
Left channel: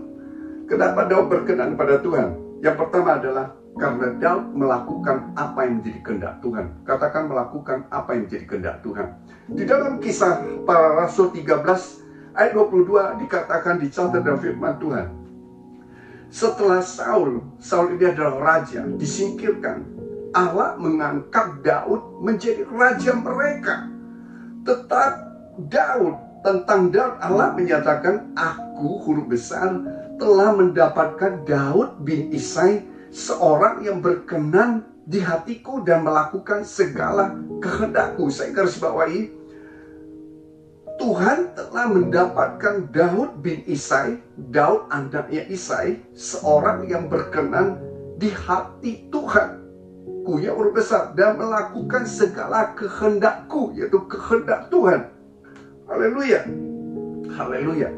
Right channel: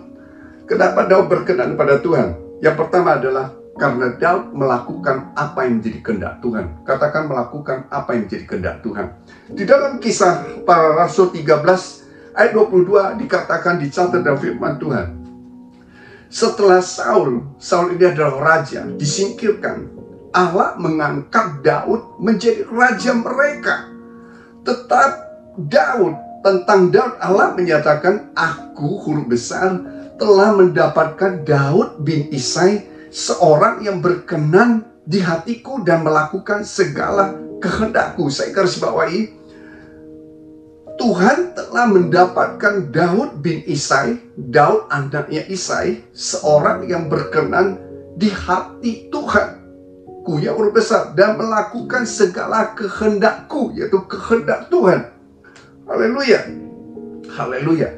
Kenapa Daud berkenan pada Tuhan? Yang pertama adalah karena Daud melakukan apa yang menjadi kehendak Tuhan. Katakan melakukan apa yang menjadi kehendak Tuhan. Di dalam Kisah Para Rasul 13 ayat 22 dikatakan, dicatat dalam firman Tuhan, setelah Saul ini adalah raja, disingkirkan, Allah mengangkat Daud menjadi raja mereka. Tetap tentang Daud Allah menyatakan, aku huruf besar telah mendapatkan Daud bin Isai, seorang yang berkenan di hatiku dan melakukan segala kehendakku. Saya garis bawahi, Tuhan telah mendapatkan Daud bin Isai, Daud anaknya Isai, seorang yang berkenan di hati Tuhan, yang huruf besar, dan melakukan segala kehendakku, yaitu kehendak Tuhan. Haleluya. Haleluya.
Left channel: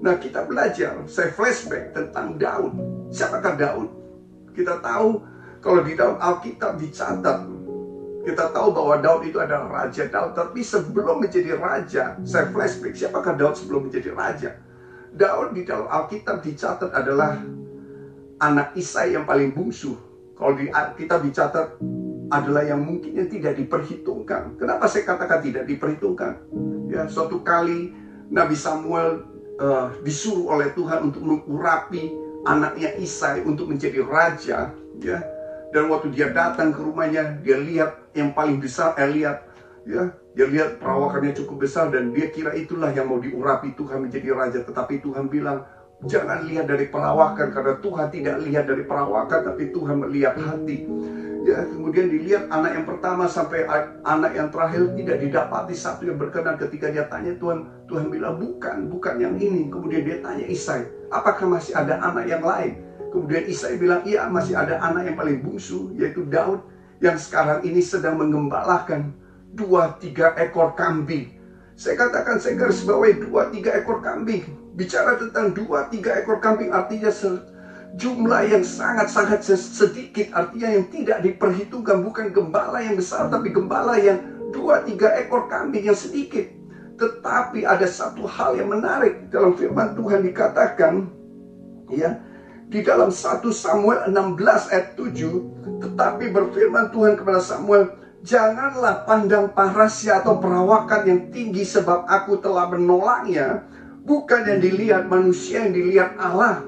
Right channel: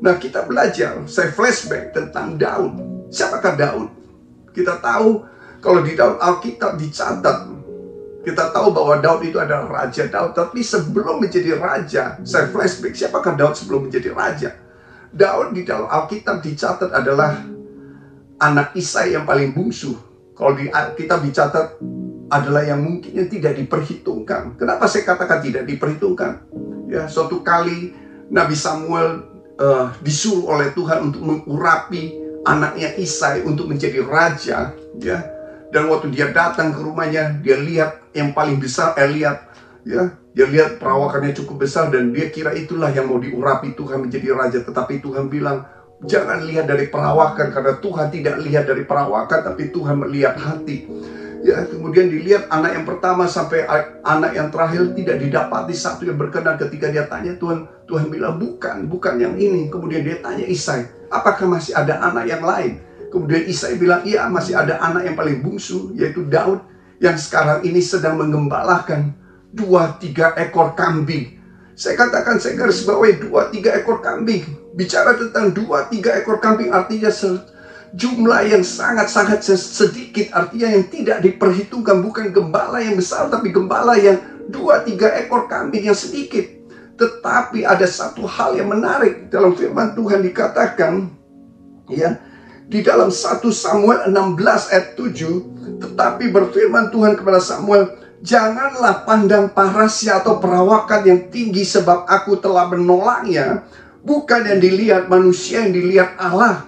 Nah, kita belajar, saya flashback tentang Daud. Siapakah Daud? Kita tahu kalau di dalam Alkitab dicatat, kita tahu bahwa Daud itu adalah Raja Daud. Tapi sebelum menjadi raja, saya flashback, siapakah Daud sebelum menjadi raja? Daud di dalam Alkitab dicatat adalah anak Isai yang paling bungsu. Kalau di Alkitab dicatat adalah yang mungkin yang tidak diperhitungkan. Kenapa saya katakan tidak diperhitungkan? Ya, suatu kali Nabi Samuel disuruh oleh Tuhan untuk mengurapi anaknya Isai untuk menjadi raja, ya. Dan waktu dia datang ke rumahnya, dia lihat yang paling besar Eliab, ya. Dia lihat perawakannya cukup besar dan dia kira itulah yang mau diurapi Tuhan menjadi raja. Tetapi Tuhan bilang, jangan lihat dari perawakan, karena Tuhan tidak lihat dari perawakan, tapi Tuhan melihat hati. Ya, kemudian dilihat anak yang pertama sampai anak yang terakhir tidak didapati satu yang berkenan. Ketika dia tanya Tuhan bilang bukan yang ini. Kemudian dia tanya Isai, apakah masih ada anak yang lain? Kemudian Isai bilang, iya, masih ada anak yang paling bungsu, yaitu Daud, yang sekarang ini sedang mengembalakan 2-3 ekor kambing. Saya katakan, saya garis bawahi 2-3 ekor kambing. Bicara tentang 2-3 ekor kambing artinya jumlah yang sangat-sangat sedikit, artinya yang tidak diperhitungkan. Bukan gembala yang besar, tapi gembala yang 2-3 ekor kambing yang sedikit. Tetapi ada satu hal yang menarik dalam firman Tuhan dikatakan, ya, di dalam 1 Samuel 16 ayat 7, tetapi berfirman Tuhan kepada Samuel, janganlah pandang parasnya atau perawakan yang tinggi, sebab aku telah menolaknya. Bukan yang dilihat manusia, yang dilihat Allah.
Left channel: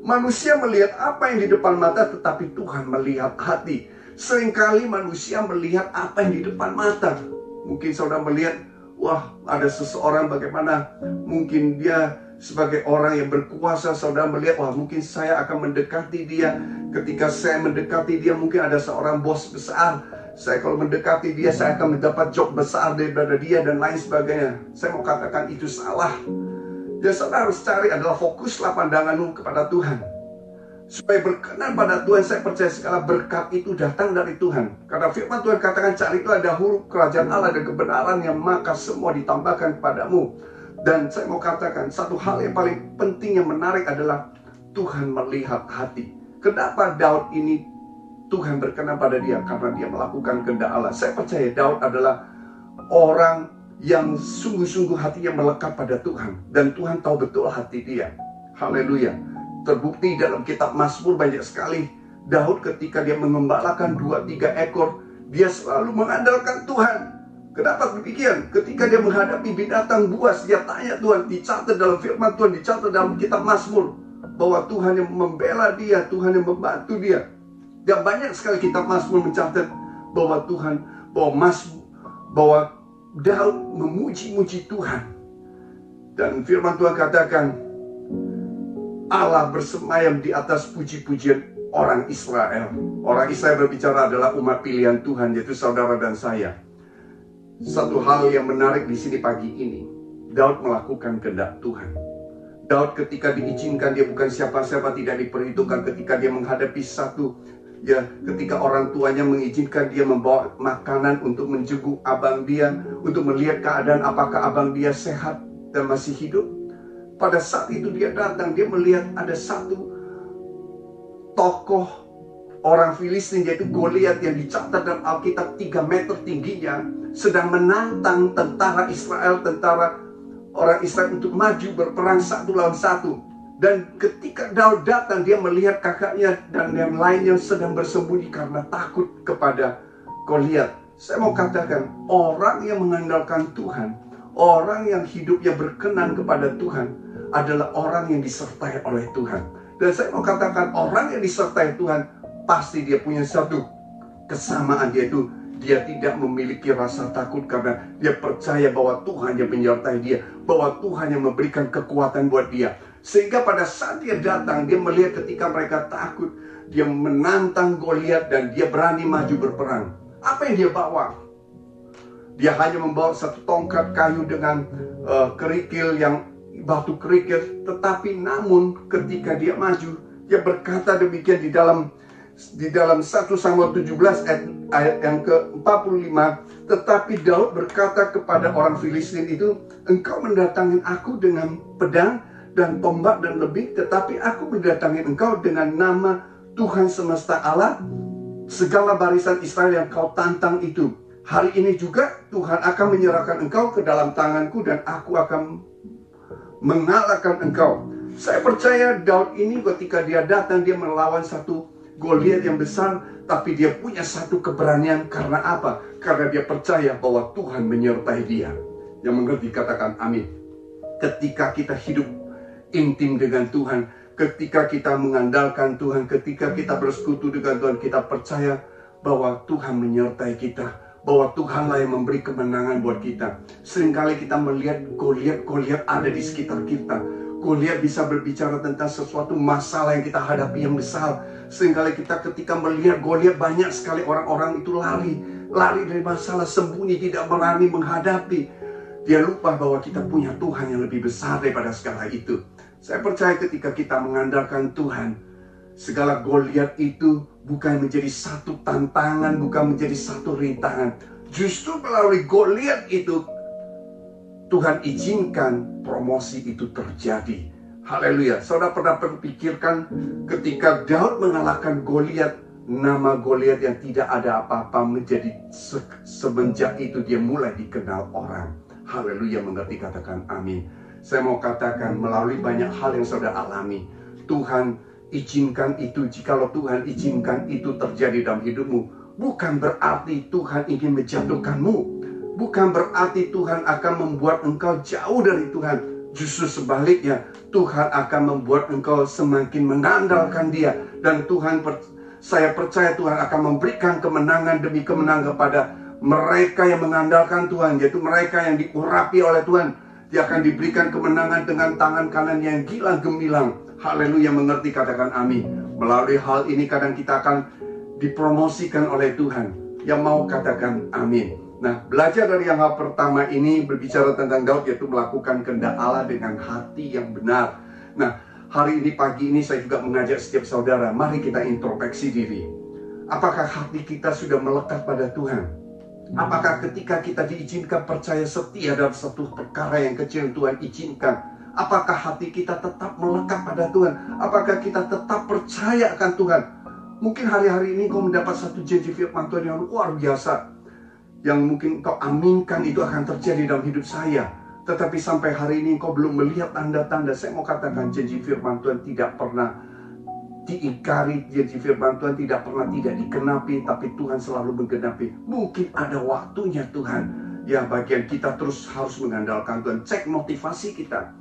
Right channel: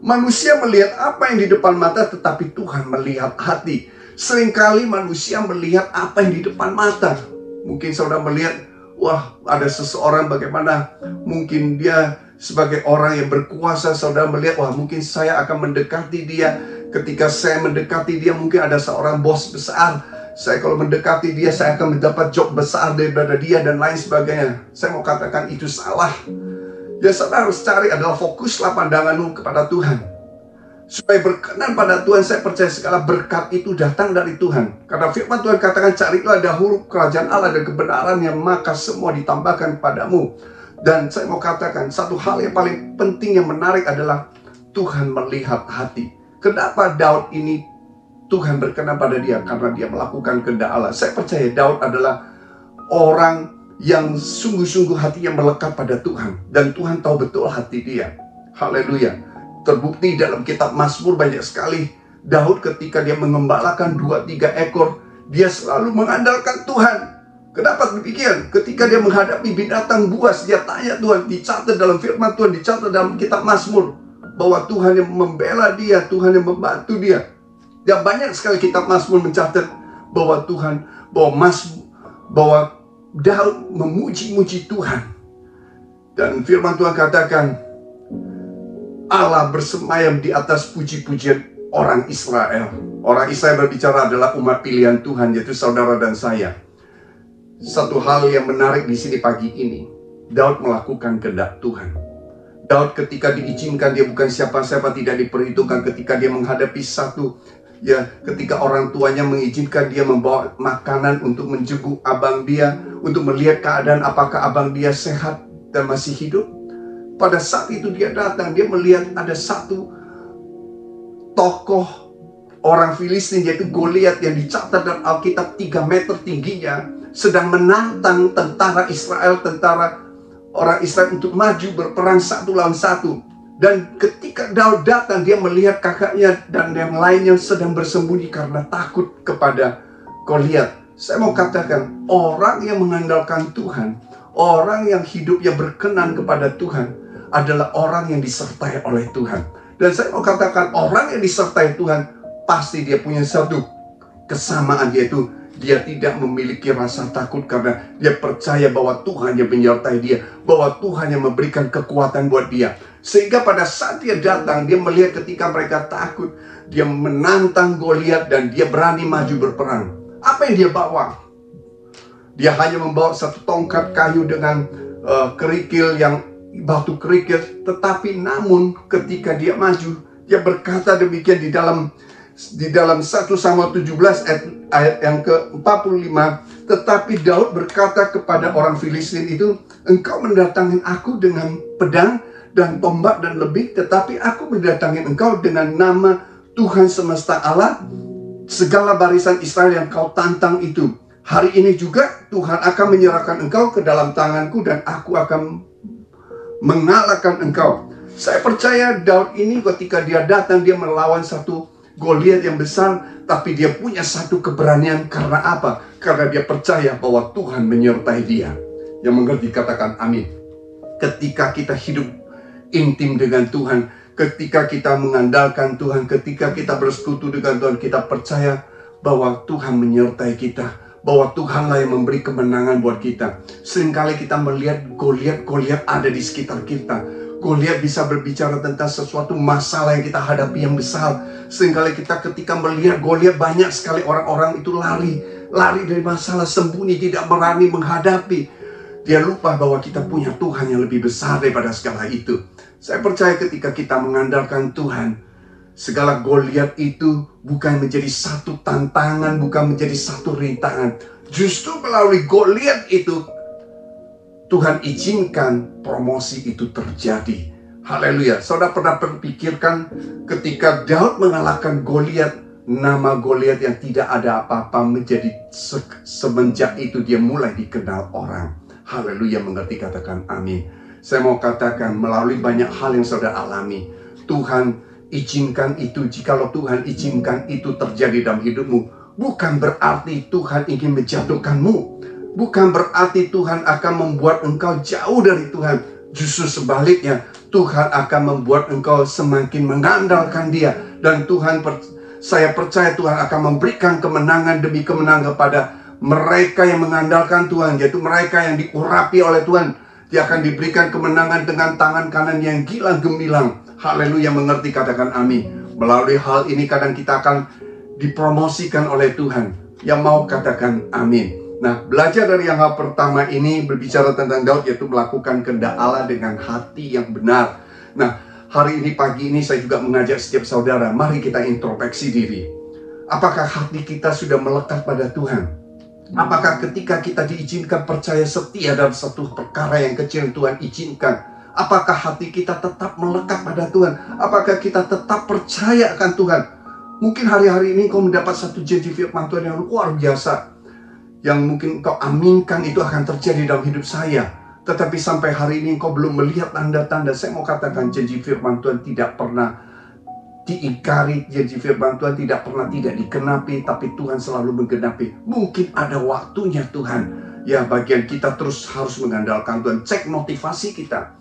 Manusia melihat apa yang di depan mata, tetapi Tuhan melihat hati. Seringkali manusia melihat apa yang di depan mata. Mungkin saudara melihat, wah, ada seseorang bagaimana mungkin dia sebagai orang yang berkuasa, saudara melihat, wah mungkin saya akan mendekati dia. Ketika saya mendekati dia, mungkin ada seorang bos besar. Saya kalau mendekati dia, saya akan mendapat job besar daripada dia dan lain sebagainya. Saya mau katakan itu salah. Ya saudara harus cari adalah fokuslah pandanganmu kepada Tuhan. Supaya berkenan pada Tuhan, saya percaya segala berkat itu datang dari Tuhan. Karena firman Tuhan katakan, carilah dahulu kerajaan Allah dan kebenarannya, maka semua ditambahkan padamu. Dan saya mau katakan, satu hal yang paling penting yang menarik adalah Tuhan melihat hati. Kenapa Daud ini Tuhan berkenan pada dia? Karena dia melakukan kehendak Allah. Saya percaya Daud adalah orang yang sungguh-sungguh hatinya melekat pada Tuhan. Dan Tuhan tahu betul hati dia. Haleluya. Terbukti dalam kitab Mazmur banyak sekali Daud ketika dia mengembalakan 2-3 ekor, dia selalu mengandalkan Tuhan. Kenapa demikian? Ketika dia menghadapi binatang buas, dia tanya Tuhan, dicatat dalam firman Tuhan, dicatat dalam kitab Mazmur, bahwa Tuhan yang membela dia, Tuhan yang membantu dia. Dan banyak sekali kitab Mazmur mencatat bahwa Tuhan, bahwa Daud memuji-muji Tuhan. Dan firman Tuhan katakan, Allah bersemayam di atas puji-pujian orang Israel. Orang Israel berbicara adalah umat pilihan Tuhan, yaitu saudara dan saya. Satu hal yang menarik di sini pagi ini, Daud melakukan kehendak Tuhan. Daud ketika diizinkan, dia bukan siapa-siapa, tidak diperhitungkan. Ketika dia menghadapi ketika orang tuanya mengizinkan dia membawa makanan untuk menjenguk abang dia, untuk melihat keadaan apakah abang dia sehat dan masih hidup. Pada saat itu dia datang, dia melihat ada satu tokoh orang Filistin, yaitu Goliat, yang dicatat dalam Alkitab 3 meter tingginya, sedang menantang tentara orang Israel untuk maju berperang 1 lawan 1. Dan ketika Daud datang, dia melihat kakaknya dan yang lainnya sedang bersembunyi karena takut kepada Goliat. Saya mau katakan, orang yang mengandalkan Tuhan, orang yang hidupnya berkenan kepada Tuhan, adalah orang yang disertai oleh Tuhan. Dan saya mau katakan, orang yang disertai Tuhan, pasti dia punya satu kesamaan, yaitu dia tidak memiliki rasa takut karena dia percaya bahwa Tuhan yang menyertai dia, bahwa Tuhan yang memberikan kekuatan buat dia. Sehingga pada saat dia datang, dia melihat ketika mereka takut, dia menantang Goliat dan dia berani maju berperang. Apa yang dia bawa? Dia hanya membawa satu tongkat kayu dengan kerikil, yang batu kerikil. Tetapi namun ketika dia maju, dia berkata demikian di dalam 1 Samuel 17 ayat yang ke-45. Tetapi Daud berkata kepada orang Filistin itu, engkau mendatangin aku dengan pedang dan tombak dan lebih, tetapi aku mendatangin engkau dengan nama Tuhan semesta Allah, segala barisan Israel yang kau tantang itu. Hari ini juga Tuhan akan menyerahkan engkau ke dalam tanganku dan aku akan mengalahkan engkau. Saya percaya Daud ini ketika dia datang, dia melawan satu Goliat yang besar, tapi dia punya satu keberanian. Karena apa? Karena dia percaya bahwa Tuhan menyertai dia. Yang mengerti katakan amin. Ketika kita hidup intim dengan Tuhan, ketika kita mengandalkan Tuhan, ketika kita bersekutu dengan Tuhan, kita percaya bahwa Tuhan menyertai kita, bahwa Tuhanlah yang memberi kemenangan buat kita. Seringkali kita melihat Goliat ada di sekitar kita. Goliat bisa berbicara tentang sesuatu masalah yang kita hadapi yang besar. Seringkali kita ketika melihat Goliat, banyak sekali orang-orang itu lari dari masalah, sembunyi, tidak berani menghadapi. Dia lupa bahwa kita punya Tuhan yang lebih besar daripada segala itu. Saya percaya ketika kita mengandalkan Tuhan, segala Goliat itu bukan menjadi satu tantangan, bukan menjadi satu rintangan. Justru melalui Goliat itu, Tuhan izinkan promosi itu terjadi. Haleluya. Saudara pernah berpikirkan ketika Daud mengalahkan Goliat, nama Goliat yang tidak ada apa-apa menjadi semenjak itu dia mulai dikenal orang. Haleluya, mengerti katakan amin. Saya mau katakan melalui banyak hal yang saudara alami, Tuhan izinkan itu. Jikalau Tuhan izinkan itu terjadi dalam hidupmu, bukan berarti Tuhan ingin menjatuhkanmu, bukan berarti Tuhan akan membuat engkau jauh dari Tuhan. Justru sebaliknya, Tuhan akan membuat engkau semakin mengandalkan Dia. Dan saya percaya Tuhan akan memberikan kemenangan demi kemenangan kepada Mereka yang mengandalkan Tuhan, yaitu mereka yang diurapi oleh Tuhan, dia akan diberikan kemenangan dengan tangan kanan yang gilang gemilang. Haleluya, mengerti, katakan amin. Melalui hal ini kadang kita akan dipromosikan oleh Tuhan. Yang mau katakan amin. Nah, belajar dari yang hal pertama ini berbicara tentang Daud, yaitu melakukan kehendak Allah dengan hati yang benar. Nah, hari ini, pagi ini saya juga mengajak setiap saudara, mari kita introspeksi diri. Apakah hati kita sudah melekat pada Tuhan? Apakah ketika kita diizinkan percaya setia dalam satu perkara yang kecil yang Tuhan izinkan, apakah hati kita tetap melekat pada Tuhan? Apakah kita tetap percaya akan Tuhan? Mungkin hari-hari ini kau mendapat satu janji firman Tuhan yang luar biasa, yang mungkin kau aminkan itu akan terjadi dalam hidup saya. Tetapi sampai hari ini kau belum melihat tanda-tanda. Saya mau katakan janji firman Tuhan tidak pernah diingkari, janji firman Tuhan tidak pernah tidak dikenapi, tapi Tuhan selalu menggenapi. Mungkin ada waktunya Tuhan. Ya, bagian kita terus harus mengandalkan Tuhan. Cek motivasi kita.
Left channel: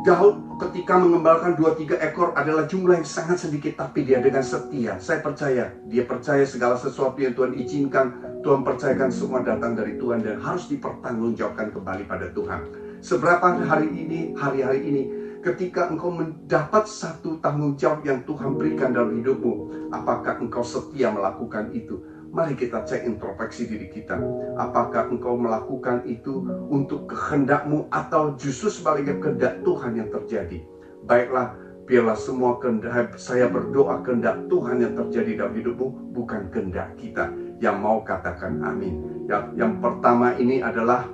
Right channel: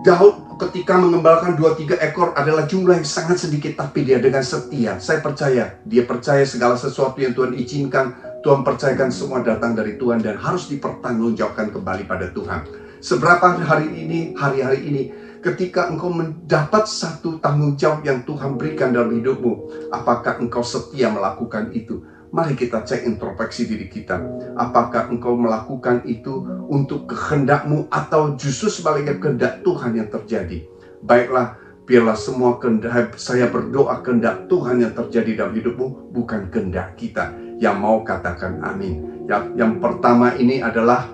Daud ketika mengembalakan 2-3 ekor adalah jumlah yang sangat sedikit, tapi dia dengan setia. Saya percaya, dia percaya segala sesuatu yang Tuhan izinkan, Tuhan percayakan semua datang dari Tuhan dan harus dipertanggungjawabkan kembali pada Tuhan. Seberapa hari-hari ini, ketika engkau mendapat satu tanggung jawab yang Tuhan berikan dalam hidupmu, apakah engkau setia melakukan itu? Mari kita cek introspeksi diri kita. Apakah engkau melakukan itu untuk kehendakmu atau justru sebaliknya kehendak Tuhan yang terjadi? Baiklah, biarlah semua kehendak, saya berdoa kehendak Tuhan yang terjadi dalam hidupmu, bukan kehendak kita. Yang mau katakan amin. Yang pertama ini adalah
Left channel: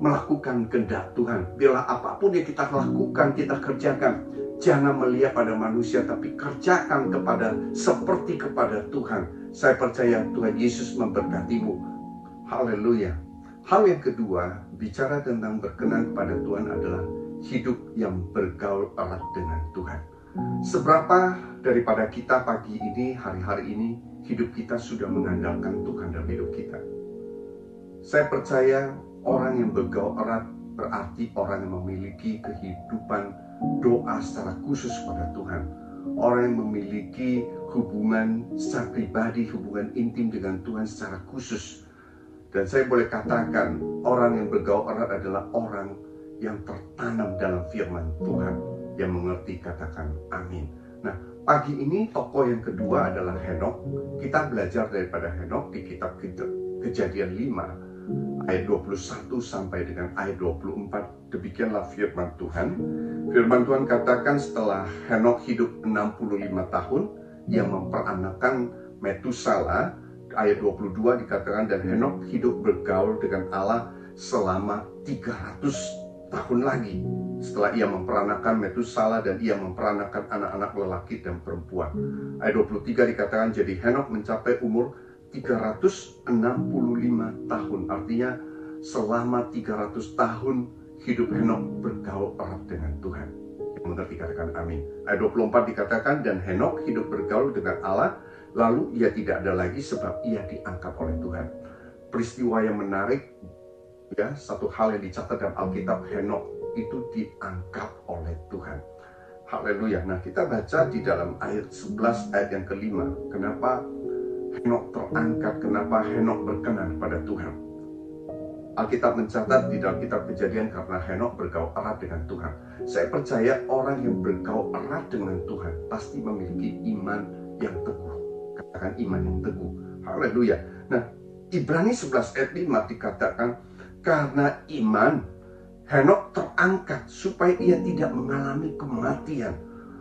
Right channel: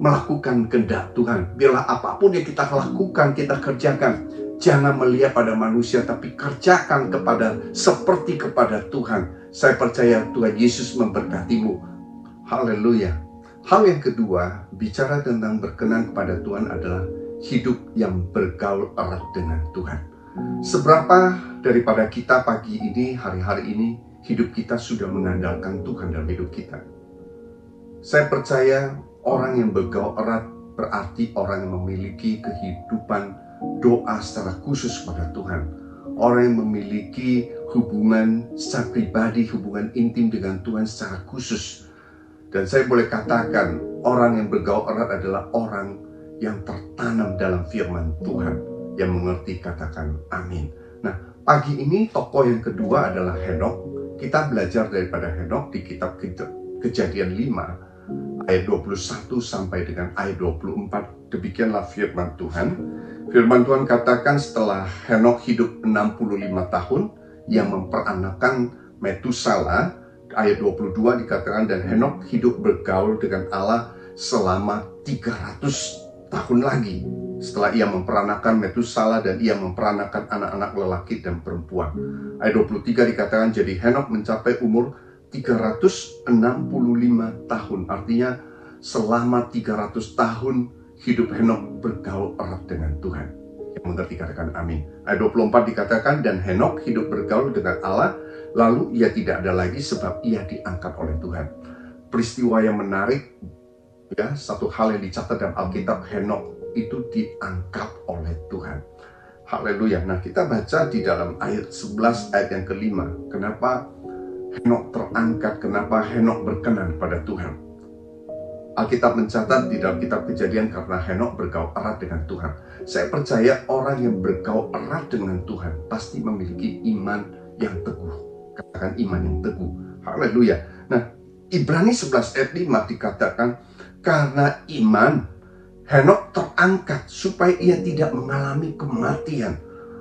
melakukan kehendak Tuhan. Biarlah apapun yang kita lakukan, kita kerjakan, jangan melihat pada manusia, tapi kerjakan seperti kepada Tuhan. Saya percaya Tuhan Yesus memberkatimu. Haleluya. Hal yang kedua, bicara tentang berkenan kepada Tuhan adalah hidup yang bergaul erat dengan Tuhan. Seberapa daripada kita pagi ini, hari-hari ini, hidup kita sudah mengandalkan Tuhan dalam hidup kita? Saya percaya orang yang bergaul erat berarti orang yang memiliki kehidupan doa secara khusus pada Tuhan. Orang yang memiliki hubungan secara pribadi, hubungan intim dengan Tuhan secara khusus. Dan saya boleh katakan, orang yang bergaul erat adalah orang yang tertanam dalam firman Tuhan. Yang mengerti, katakan amin. Nah, pagi ini tokoh yang kedua adalah Henok. Kita belajar daripada Henok di kitab Kejadian 5. Ayat 21 sampai dengan ayat 24. Demikianlah firman Tuhan. Firman Tuhan katakan setelah Henok hidup 65 tahun, ia memperanakan Metusala. Ayat 22 dikatakan, dan Henok hidup bergaul dengan Allah selama 300 tahun lagi. Setelah ia memperanakan Metusala dan ia memperanakan anak-anak lelaki dan perempuan. Ayat 23 dikatakan, jadi Henok mencapai umur 365 tahun. Artinya selama 300 tahun hidup Henok bergaul erat dengan Tuhan. Yang mengerti katakan amin. Ayat 24 dikatakan, dan Henok hidup bergaul dengan Allah, lalu ia tidak ada lagi sebab ia diangkat oleh Tuhan. Peristiwa yang menarik, ya, satu hal yang dicatat dalam Alkitab, Henok itu diangkat oleh Tuhan. Haleluya. Nah, kita baca di dalam ayat 11 ayat yang kelima. Kenapa Henok terangkat, kenapa Henok berkenan pada Tuhan? Alkitab mencatat di dalam kitab Kejadian karena Henok bergaul erat dengan Tuhan. Saya percaya orang yang bergaul erat dengan Tuhan pasti memiliki iman yang teguh. Katakan iman yang teguh. Haleluya. Nah, Ibrani 11 ayat 5 dikatakan, karena iman Henok terangkat supaya ia tidak mengalami kematian.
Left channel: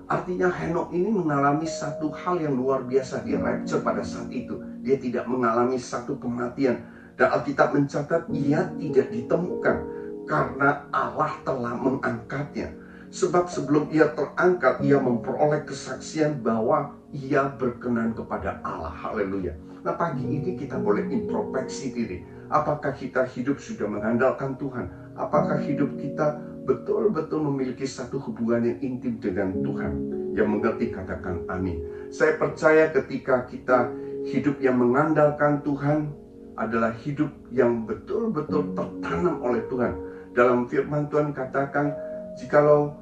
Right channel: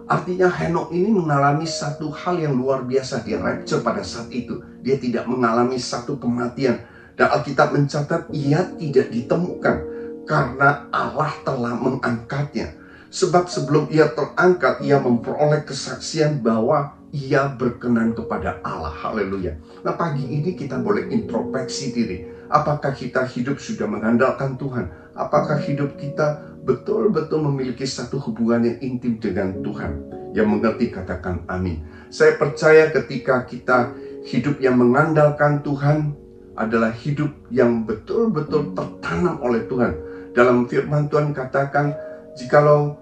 Artinya Henok ini mengalami satu hal yang luar biasa. Dia rapture pada saat itu. Dia tidak mengalami satu kematian. Dan Alkitab mencatat ia tidak ditemukan karena Allah telah mengangkatnya. Sebab sebelum ia terangkat, ia memperoleh kesaksian bahwa ia berkenan kepada Allah. Haleluya. Nah, pagi ini kita boleh introspeksi diri. Apakah kita hidup sudah mengandalkan Tuhan? Apakah hidup kita betul-betul memiliki satu hubungan yang intim dengan Tuhan? Yang mengerti katakan amin. Saya percaya ketika kita hidup yang mengandalkan Tuhan adalah hidup yang betul-betul tertanam oleh Tuhan. Dalam firman Tuhan katakan, jikalau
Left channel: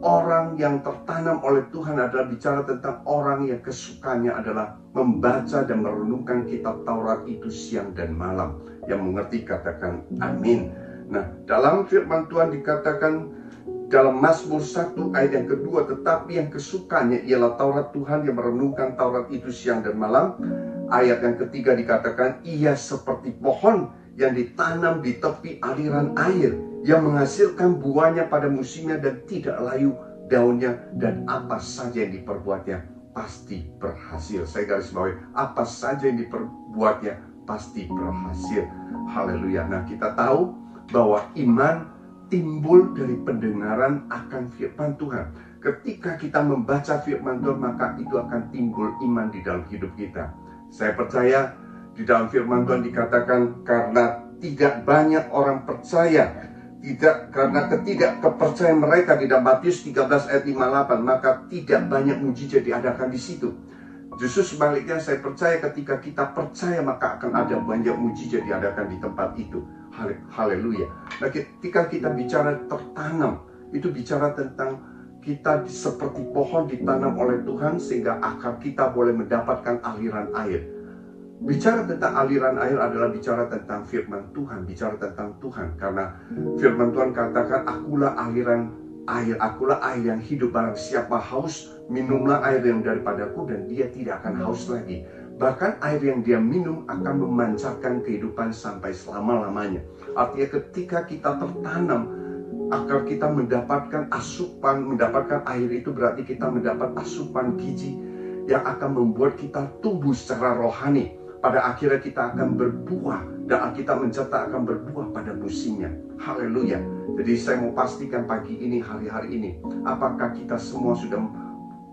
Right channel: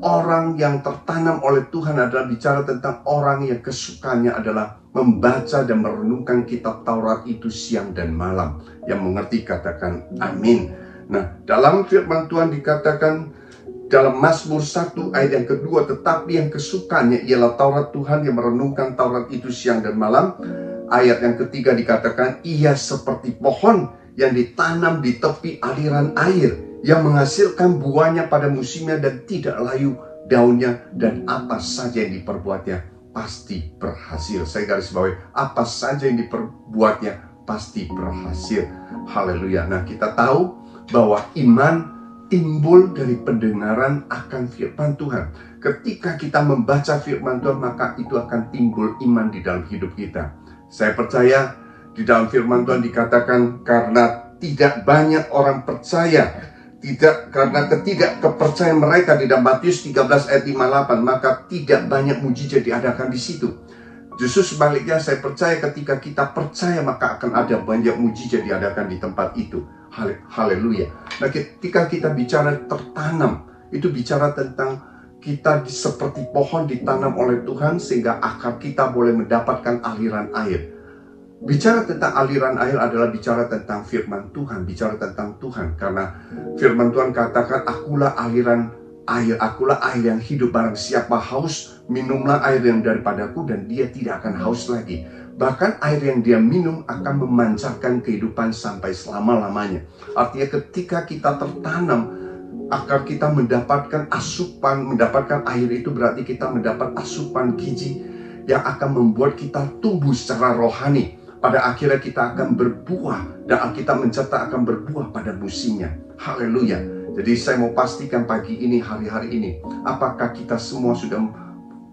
orang yang tertanam oleh Tuhan adalah bicara tentang orang yang kesukaannya adalah membaca dan merenungkan kitab Taurat itu siang dan malam. Yang mengerti katakan amin. Nah, dalam firman Tuhan dikatakan dalam Mazmur 1 ayat yang kedua, tetapi yang kesukaannya ialah Taurat Tuhan, yang merenungkan Taurat itu siang dan malam. Ayat yang ketiga dikatakan, ia seperti pohon yang ditanam di tepi aliran air, yang menghasilkan buahnya pada musimnya dan tidak layu daunnya, dan apa saja yang diperbuatnya pasti berhasil. Saya garis bawahi, apa saja yang diperbuatnya pasti berhasil. Haleluya. Nah, kita tahu bahwa iman timbul dari pendengaran akan firman Tuhan. Ketika kita membaca firman Tuhan, maka itu akan timbul iman di dalam hidup kita. Saya percaya di dalam firman Tuhan dikatakan, karena tidak banyak orang percaya, karena ketidakkepercayaan mereka, di dalam Matius 13 ayat 58, maka tidak banyak mujizat diadakan di situ. Justru sebaliknya, saya percaya ketika kita percaya, maka akan ada banyak mujizat diadakan di tempat itu. Haleluya. Nah, ketika kita bicara tertanam, itu bicara tentang kita seperti pohon ditanam oleh Tuhan, sehingga akar kita boleh mendapatkan aliran air. Bicara tentang aliran air adalah bicara tentang firman Tuhan, bicara tentang Tuhan. Karena firman Tuhan katakan, akulah aliran air, akulah air yang hidup. Barang siapa haus, minumlah air yang daripadaku, dan dia tidak akan haus lagi. Bahkan air yang dia minum akan memancarkan kehidupan sampai selama-lamanya. Artinya ketika kita tertanam, akar kita mendapatkan asupan, mendapatkan air itu berarti kita mendapat asupan gizi yang akan membuat kita tumbuh secara rohani. Pada akhirnya kita akan berbuah, dan Alkitab mencatat akan berbuah pada musimnya. Haleluya. Jadi saya mau pastikan pagi ini, hari-hari ini, apakah kita semua sudah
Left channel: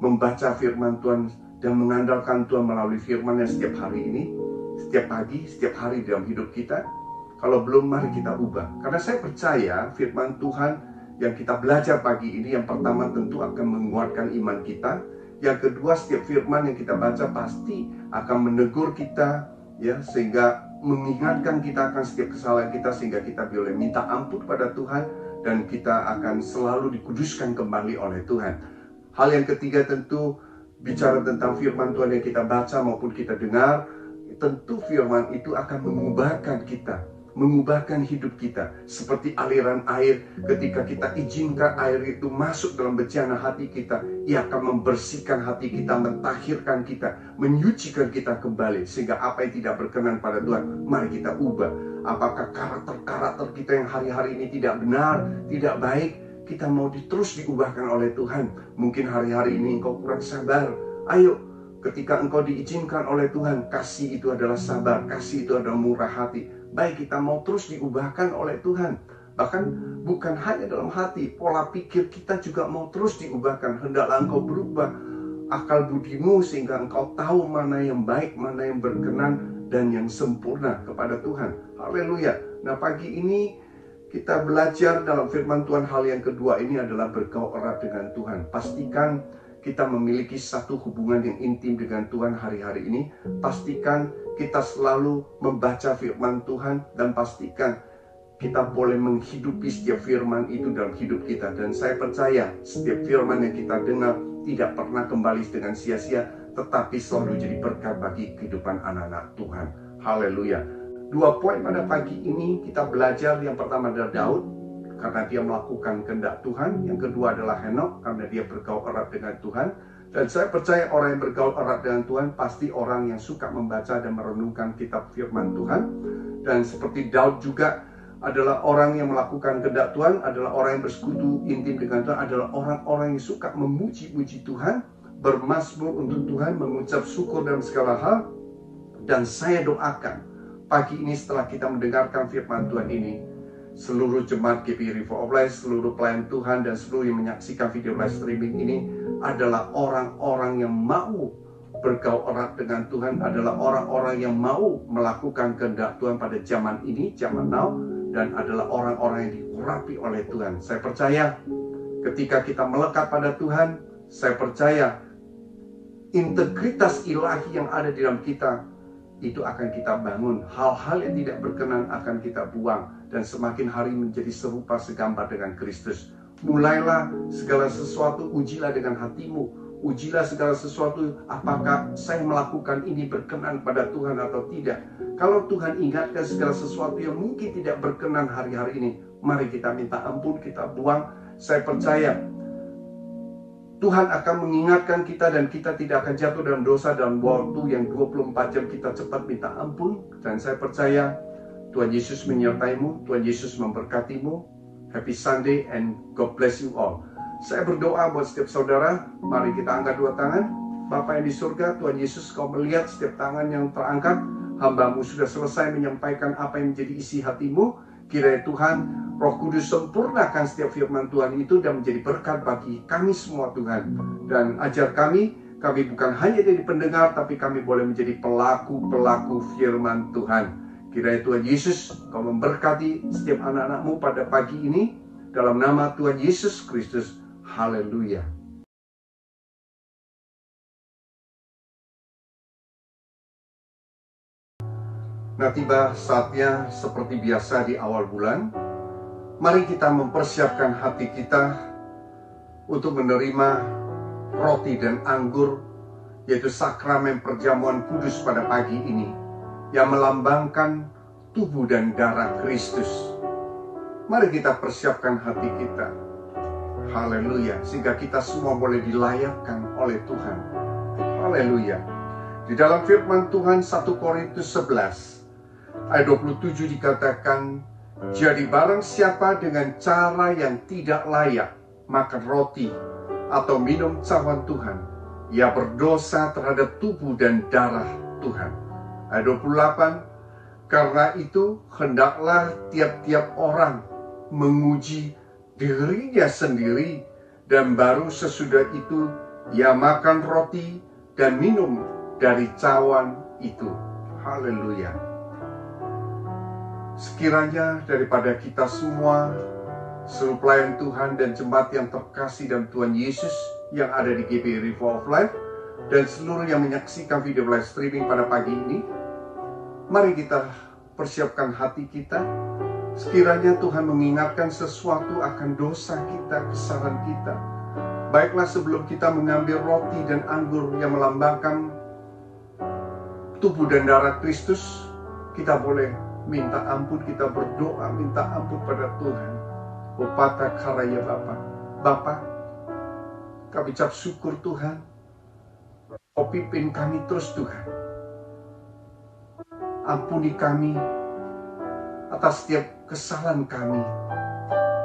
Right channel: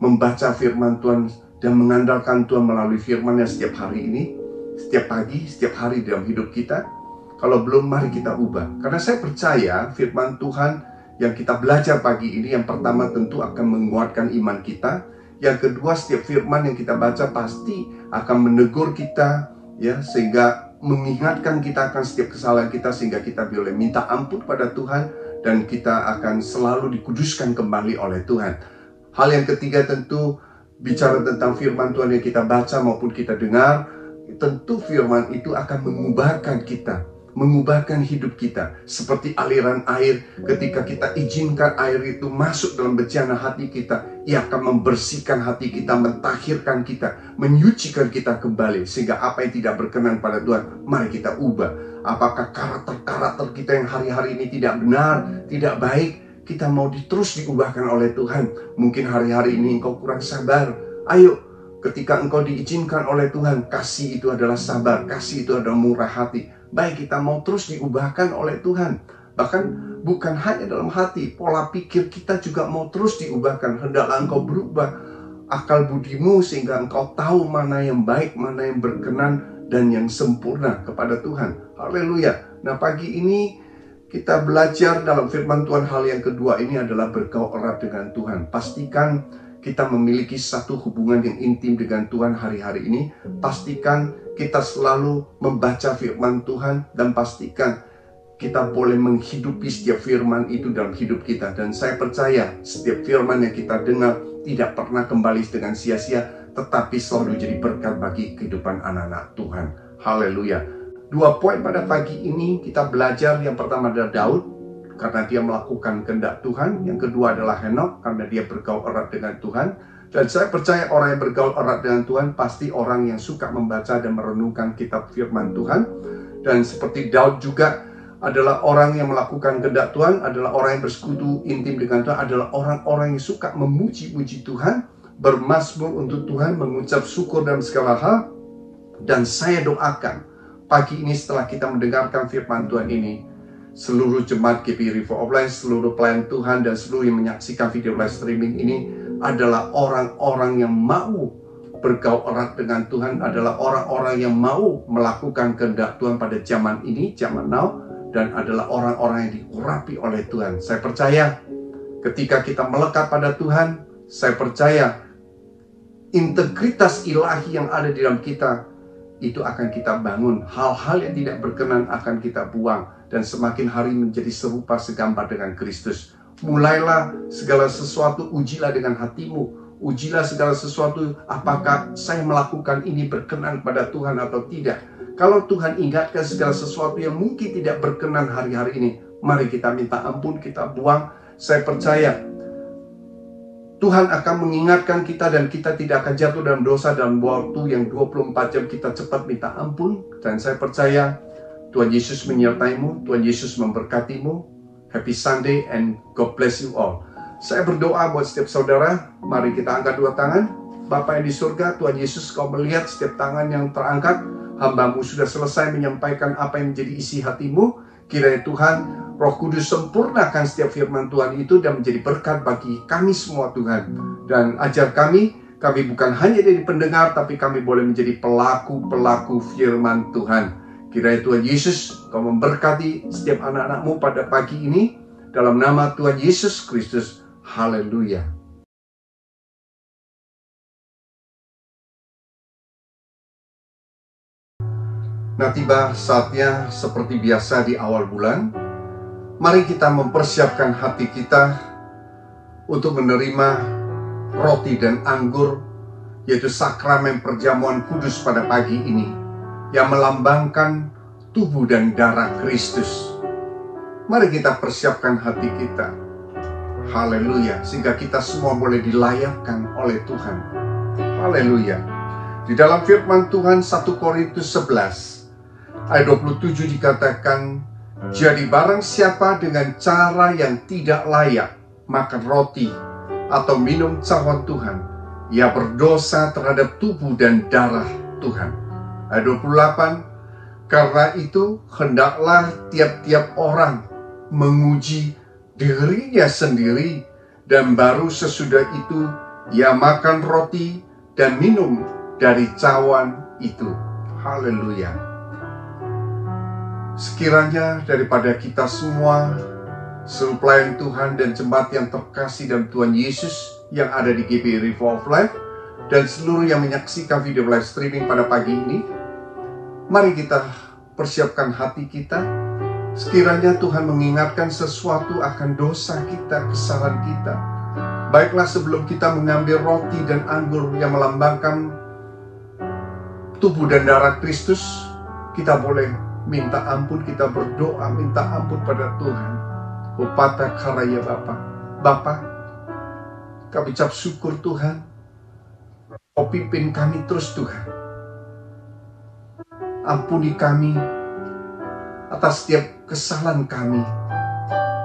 membaca firman Tuhan dan mengandalkan Tuhan melalui firman-Nya setiap hari ini, setiap pagi, setiap hari dalam hidup kita? Kalau belum, mari kita ubah. Karena saya percaya firman Tuhan yang kita belajar pagi ini, yang pertama tentu akan menguatkan iman kita. Yang kedua, setiap firman yang kita baca pasti akan menegur kita, ya, sehingga mengingatkan kita akan setiap kesalahan kita, sehingga kita boleh minta ampun pada Tuhan, dan kita akan selalu dikuduskan kembali oleh Tuhan. Hal yang ketiga tentu bicara tentang firman Tuhan yang kita baca maupun kita dengar, tentu firman itu akan mengubahkan kita, mengubahkan hidup kita. Seperti aliran air, ketika kita izinkan air itu masuk dalam bejana hati kita, ia akan membersihkan hati kita, mentahirkan kita, menyucikan kita kembali. Sehingga apa yang tidak berkenan pada Tuhan, mari kita ubah. Apakah karakter-karakter kita yang hari-hari ini tidak benar, tidak baik, kita mau terus diubahkan oleh Tuhan. Mungkin hari-hari ini engkau kurang sabar. Ayo, ketika engkau diizinkan oleh Tuhan, kasih itu adalah sabar, kasih itu adalah murah hati. Baik, kita mau terus diubahkan oleh Tuhan. Bahkan bukan hanya dalam hati, pola pikir kita juga mau terus diubahkan. Hendaklah engkau berubah akal budimu sehingga engkau tahu mana yang baik, mana yang berkenan, dan yang sempurna kepada Tuhan. Haleluya. Nah, pagi ini kita belajar dalam firman Tuhan. Hal yang kedua ini adalah bergaul erat dengan Tuhan. Pastikan kita memiliki satu hubungan yang intim dengan Tuhan hari-hari ini. Pastikan kita selalu membaca firman Tuhan, dan pastikan kita boleh menghidupi setiap firman itu dalam hidup kita. Dan saya percaya setiap firman yang kita dengar tidak pernah kembali dengan sia-sia, tetapi selalu jadi berkat bagi kehidupan anak-anak Tuhan. Haleluya. 2 poin pada pagi ini kita belajar. Yang pertama adalah Daud, karena dia melakukan kehendak Tuhan. Yang kedua adalah Henok, karena dia bergaul erat dengan Tuhan. Dan saya percaya orang yang bergaul erat dengan Tuhan pasti orang yang suka membaca dan merenungkan kitab firman Tuhan. Dan seperti Daud juga adalah orang yang melakukan kehendak Tuhan, adalah orang yang bersekutu intim dengan Tuhan, adalah orang-orang yang suka memuji-puji Tuhan, bermazmur untuk Tuhan, mengucap syukur dalam segala hal. Dan saya doakan pagi ini setelah kita mendengarkan firman Tuhan ini, seluruh jemaat GBI River of Life, seluruh pelayan Tuhan, dan seluruh yang menyaksikan video live streaming ini adalah orang-orang yang mau bergaul erat dengan Tuhan, adalah orang-orang yang mau melakukan kehendak Tuhan pada zaman ini, zaman now, dan adalah orang-orang yang diurapi oleh Tuhan. Saya percaya ketika kita melekat pada Tuhan, saya percaya integritas ilahi yang ada di dalam kita itu akan kita bangun. Hal-hal yang tidak berkenan akan kita buang, dan semakin hari menjadi serupa segambar dengan Kristus. mulailah segala sesuatu, ujilah dengan hatimu. Ujilah segala sesuatu, apakah saya melakukan ini berkenan pada Tuhan atau tidak. Kalau Tuhan ingatkan segala sesuatu yang mungkin tidak berkenan hari-hari ini, mari kita minta ampun, kita buang. Saya percaya Tuhan akan mengingatkan kita dan kita tidak akan jatuh dalam dosa dalam waktu yang 24 jam. Kita cepat minta ampun. Dan saya percaya Tuhan Yesus menyertaimu, Tuhan Yesus memberkatimu. Happy Sunday and God bless you all. Saya berdoa buat setiap saudara. Mari kita angkat dua tangan. Bapa yang di surga, Tuhan Yesus, Kau melihat setiap tangan yang terangkat. Hamba-Mu sudah selesai menyampaikan apa yang menjadi isi hatimu. Kiranya Tuhan, Roh Kudus sempurnakan setiap firman Tuhan itu dan menjadi berkat bagi kami semua Tuhan. Dan ajar kami bukan hanya jadi pendengar, tapi kami boleh menjadi pelaku-pelaku firman Tuhan. Kiranya Tuhan Yesus, Kau memberkati setiap anak-anak-Mu pada pagi ini. Dalam nama Tuhan Yesus Kristus. Haleluya. Nah, tiba saatnya seperti biasa di awal bulan. Mari kita mempersiapkan hati kita untuk menerima roti dan anggur, yaitu sakramen perjamuan kudus pada pagi ini, yang melambangkan tubuh dan darah Kristus. Mari kita persiapkan hati kita. Haleluya. Sehingga kita semua boleh dilayakkan oleh Tuhan. Haleluya. Di dalam firman Tuhan 1 Korintus 11 ayat 27 dikatakan, jadi barang siapa dengan cara yang tidak layak makan roti atau minum cawan Tuhan, ia berdosa terhadap tubuh dan darah Tuhan. Ayat 28, karena itu hendaklah tiap-tiap orang menguji dirinya sendiri, dan baru sesudah itu ia makan roti dan minum dari cawan itu. Haleluya. Sekiranya daripada kita semua, seluruh pelayan Tuhan dan jemaat yang terkasih dalam Tuhan Yesus yang ada di GBI River of Life, dan seluruh yang menyaksikan video live streaming pada pagi ini, mari kita persiapkan hati kita. Sekiranya Tuhan mengingatkan sesuatu akan dosa kita, kesalahan kita. Baiklah, sebelum kita mengambil roti dan anggur yang melambangkan tubuh dan darah Kristus, kita boleh minta ampun, kita berdoa, minta ampun pada Tuhan. Upata karaya Bapa, kami ucap syukur Tuhan. Kau pimpin kami terus Tuhan. Ampuni kami atas setiap kesalahan kami,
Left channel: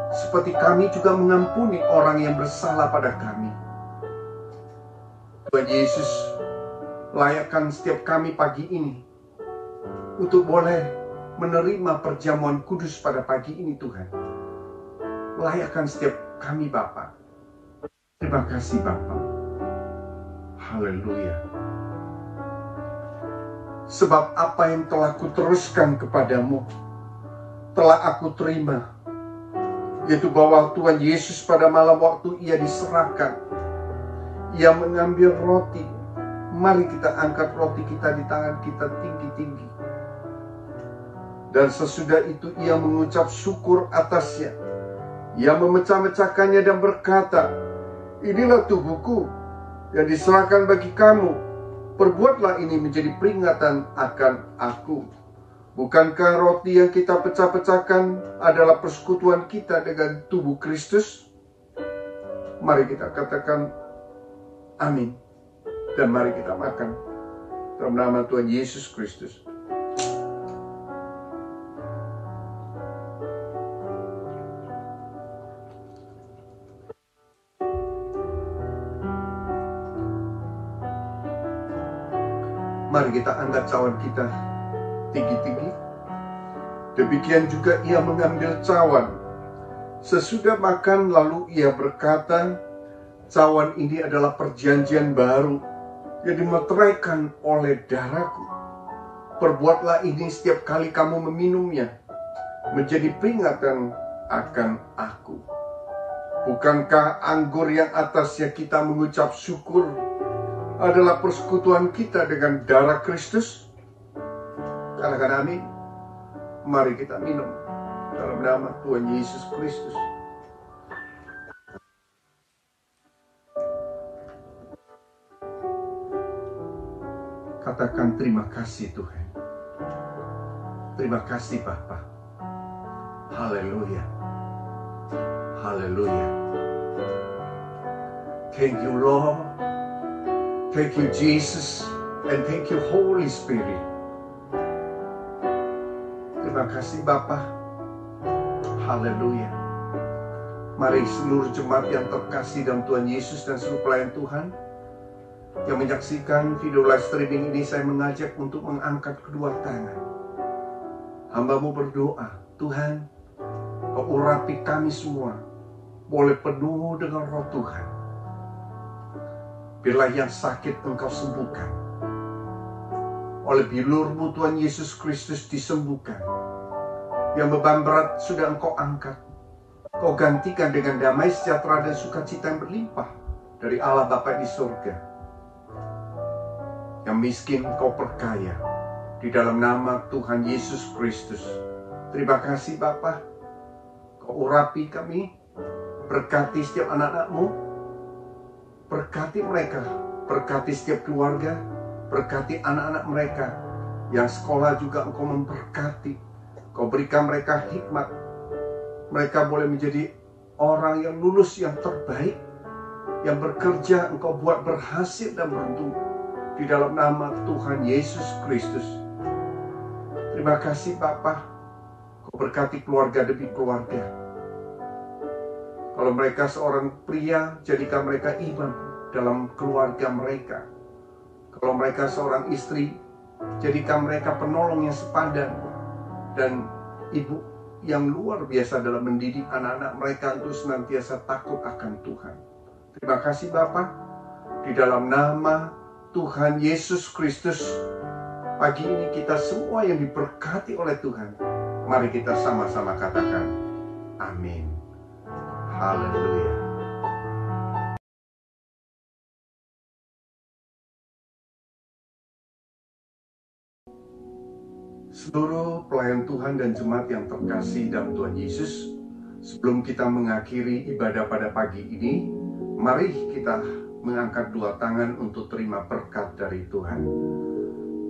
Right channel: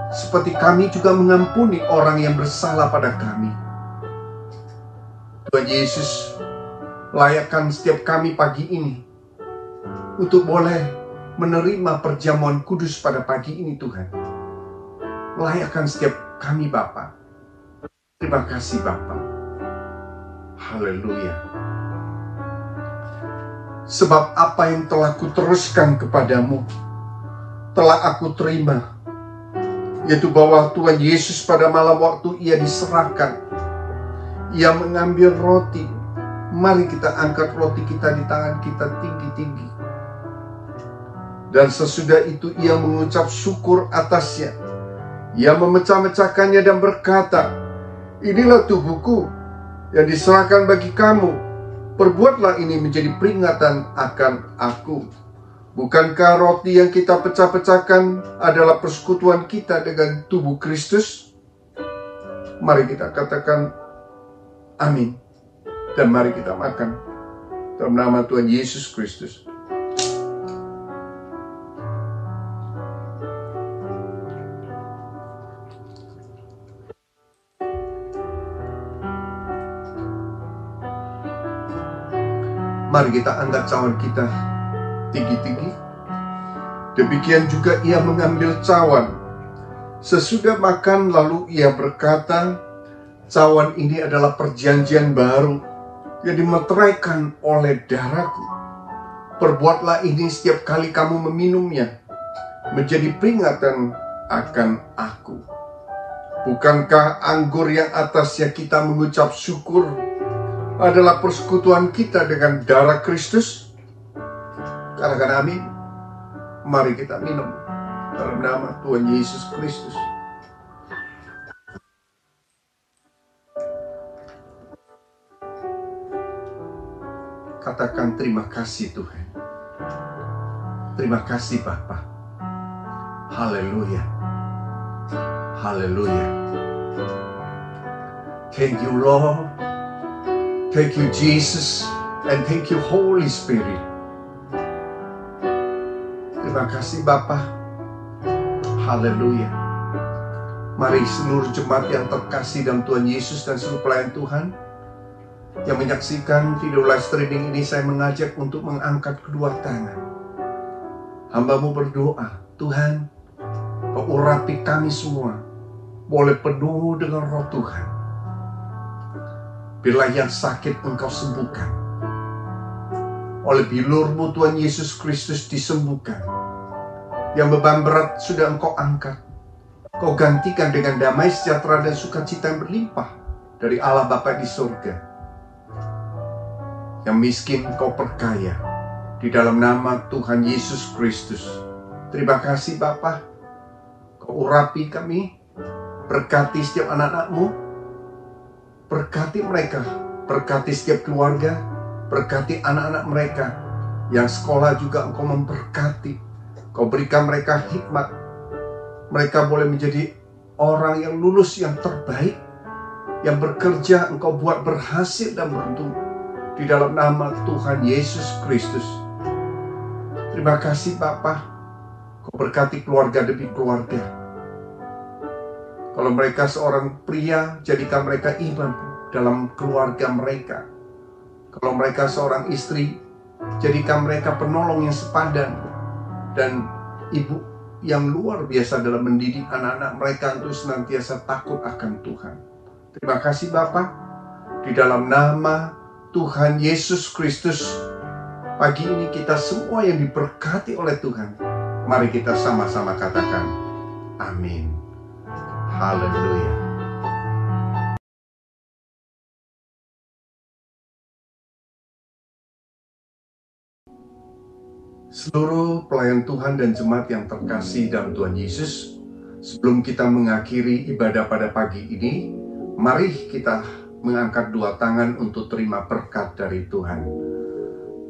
seperti kami juga mengampuni orang yang bersalah pada kami. Tuhan Yesus, layakkan setiap kami pagi ini untuk boleh menerima perjamuan kudus pada pagi ini Tuhan. Layakkan setiap kami Bapa. Terima kasih Bapa. Haleluya. Sebab apa yang telah kuteruskan kepadamu telah aku terima, yaitu bahwa Tuhan Yesus pada malam waktu ia diserahkan, ia mengambil roti. Mari kita angkat roti kita di tangan kita tinggi-tinggi. Dan sesudah itu ia mengucap syukur atasnya. Ia memecah-mecahkannya dan berkata, inilah tubuhku yang diserahkan bagi kamu. Perbuatlah ini menjadi peringatan akan aku. Bukankah roti yang kita pecah-pecahkan adalah persekutuan kita dengan tubuh Kristus? Mari kita katakan amin. Dan mari kita makan dalam nama Tuhan Yesus Kristus. Mari kita angkat cawan kita tinggi-tinggi. Demikian juga ia mengambil cawan. Sesudah makan lalu ia berkata, cawan ini adalah perjanjian baru yang dimeteraikan oleh darahku. Perbuatlah ini setiap kali kamu meminumnya, menjadi peringatan akan aku. Bukankah anggur yang atasnya kita mengucap syukur adalah persekutuan kita dengan darah Kristus? Katakan amin. Mari kita minum dalam nama Tuhan Yesus Kristus. Katakan terima kasih Tuhan. Terima kasih Bapa. Haleluya. Haleluya. Thank you Lord. Thank you Jesus. And thank you Holy Spirit. Terima kasih Bapa. Haleluya. Mari seluruh jemaat yang terkasih dalam Tuhan Yesus dan seluruh pelayan Tuhan yang menyaksikan video live streaming ini, saya mengajak untuk mengangkat kedua tangan. Hamba-Mu berdoa, Tuhan, Kau urapi kami semua, boleh penuh dengan roh Tuhan. Bila yang sakit Engkau sembuhkan, oleh bilur-Mu Tuhan Yesus Kristus disembuhkan. Yang beban berat sudah Engkau angkat, Kau gantikan dengan damai sejahtera dan sukacita yang berlimpah dari Allah Bapa di surga. Yang miskin Kau perkaya di dalam nama Tuhan Yesus Kristus. Terima kasih Bapa. Kau urapi kami, berkati setiap anak-anak-Mu, berkati mereka, berkati setiap keluarga, berkati anak-anak mereka yang sekolah juga Engkau memberkati. Kau berikan mereka hikmat, mereka boleh menjadi orang yang lulus yang terbaik, yang bekerja Engkau buat berhasil dan beruntung di dalam nama Tuhan Yesus Kristus. Terima kasih Bapa. Kau berkati keluarga demi keluarga. Kalau mereka seorang pria, jadikan mereka imam dalam keluarga mereka. Kalau mereka seorang istri, jadikan mereka penolong yang sepadan dan ibu yang luar biasa dalam mendidik anak-anak mereka untuk senantiasa takut akan Tuhan. Terima kasih Bapa. Di dalam nama Tuhan Yesus Kristus, pagi ini kita semua yang diberkati oleh Tuhan, mari kita sama-sama katakan amin. Haleluya. Seluruh pelayan Tuhan dan jemaat yang terkasih dalam Tuhan Yesus, sebelum kita mengakhiri ibadah pada pagi ini, mari kita mengangkat dua tangan untuk terima berkat dari Tuhan.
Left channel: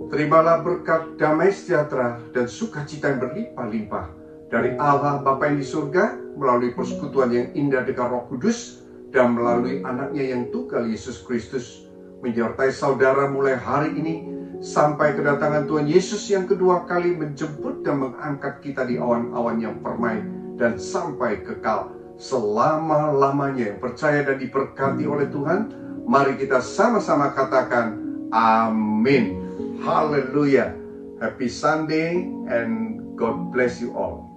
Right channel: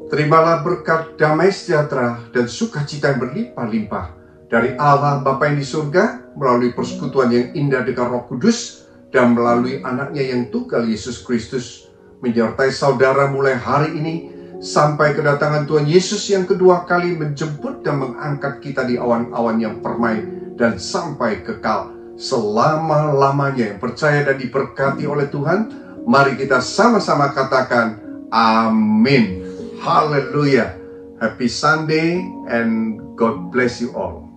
Terimalah berkat damai sejahtera dan sukacita yang berlimpah-limpah dari Allah Bapa yang di surga, melalui persekutuan yang indah dengan Roh Kudus, dan melalui anaknya yang tunggal Yesus Kristus, menyertai saudara mulai hari ini, sampai kedatangan Tuhan Yesus yang kedua kali menjemput dan mengangkat kita di awan-awan yang permai, dan sampai kekal selama-lamanya. Yang percaya dan diberkati oleh Tuhan, mari kita sama-sama katakan amin. Haleluya. Happy Sunday and God bless you all.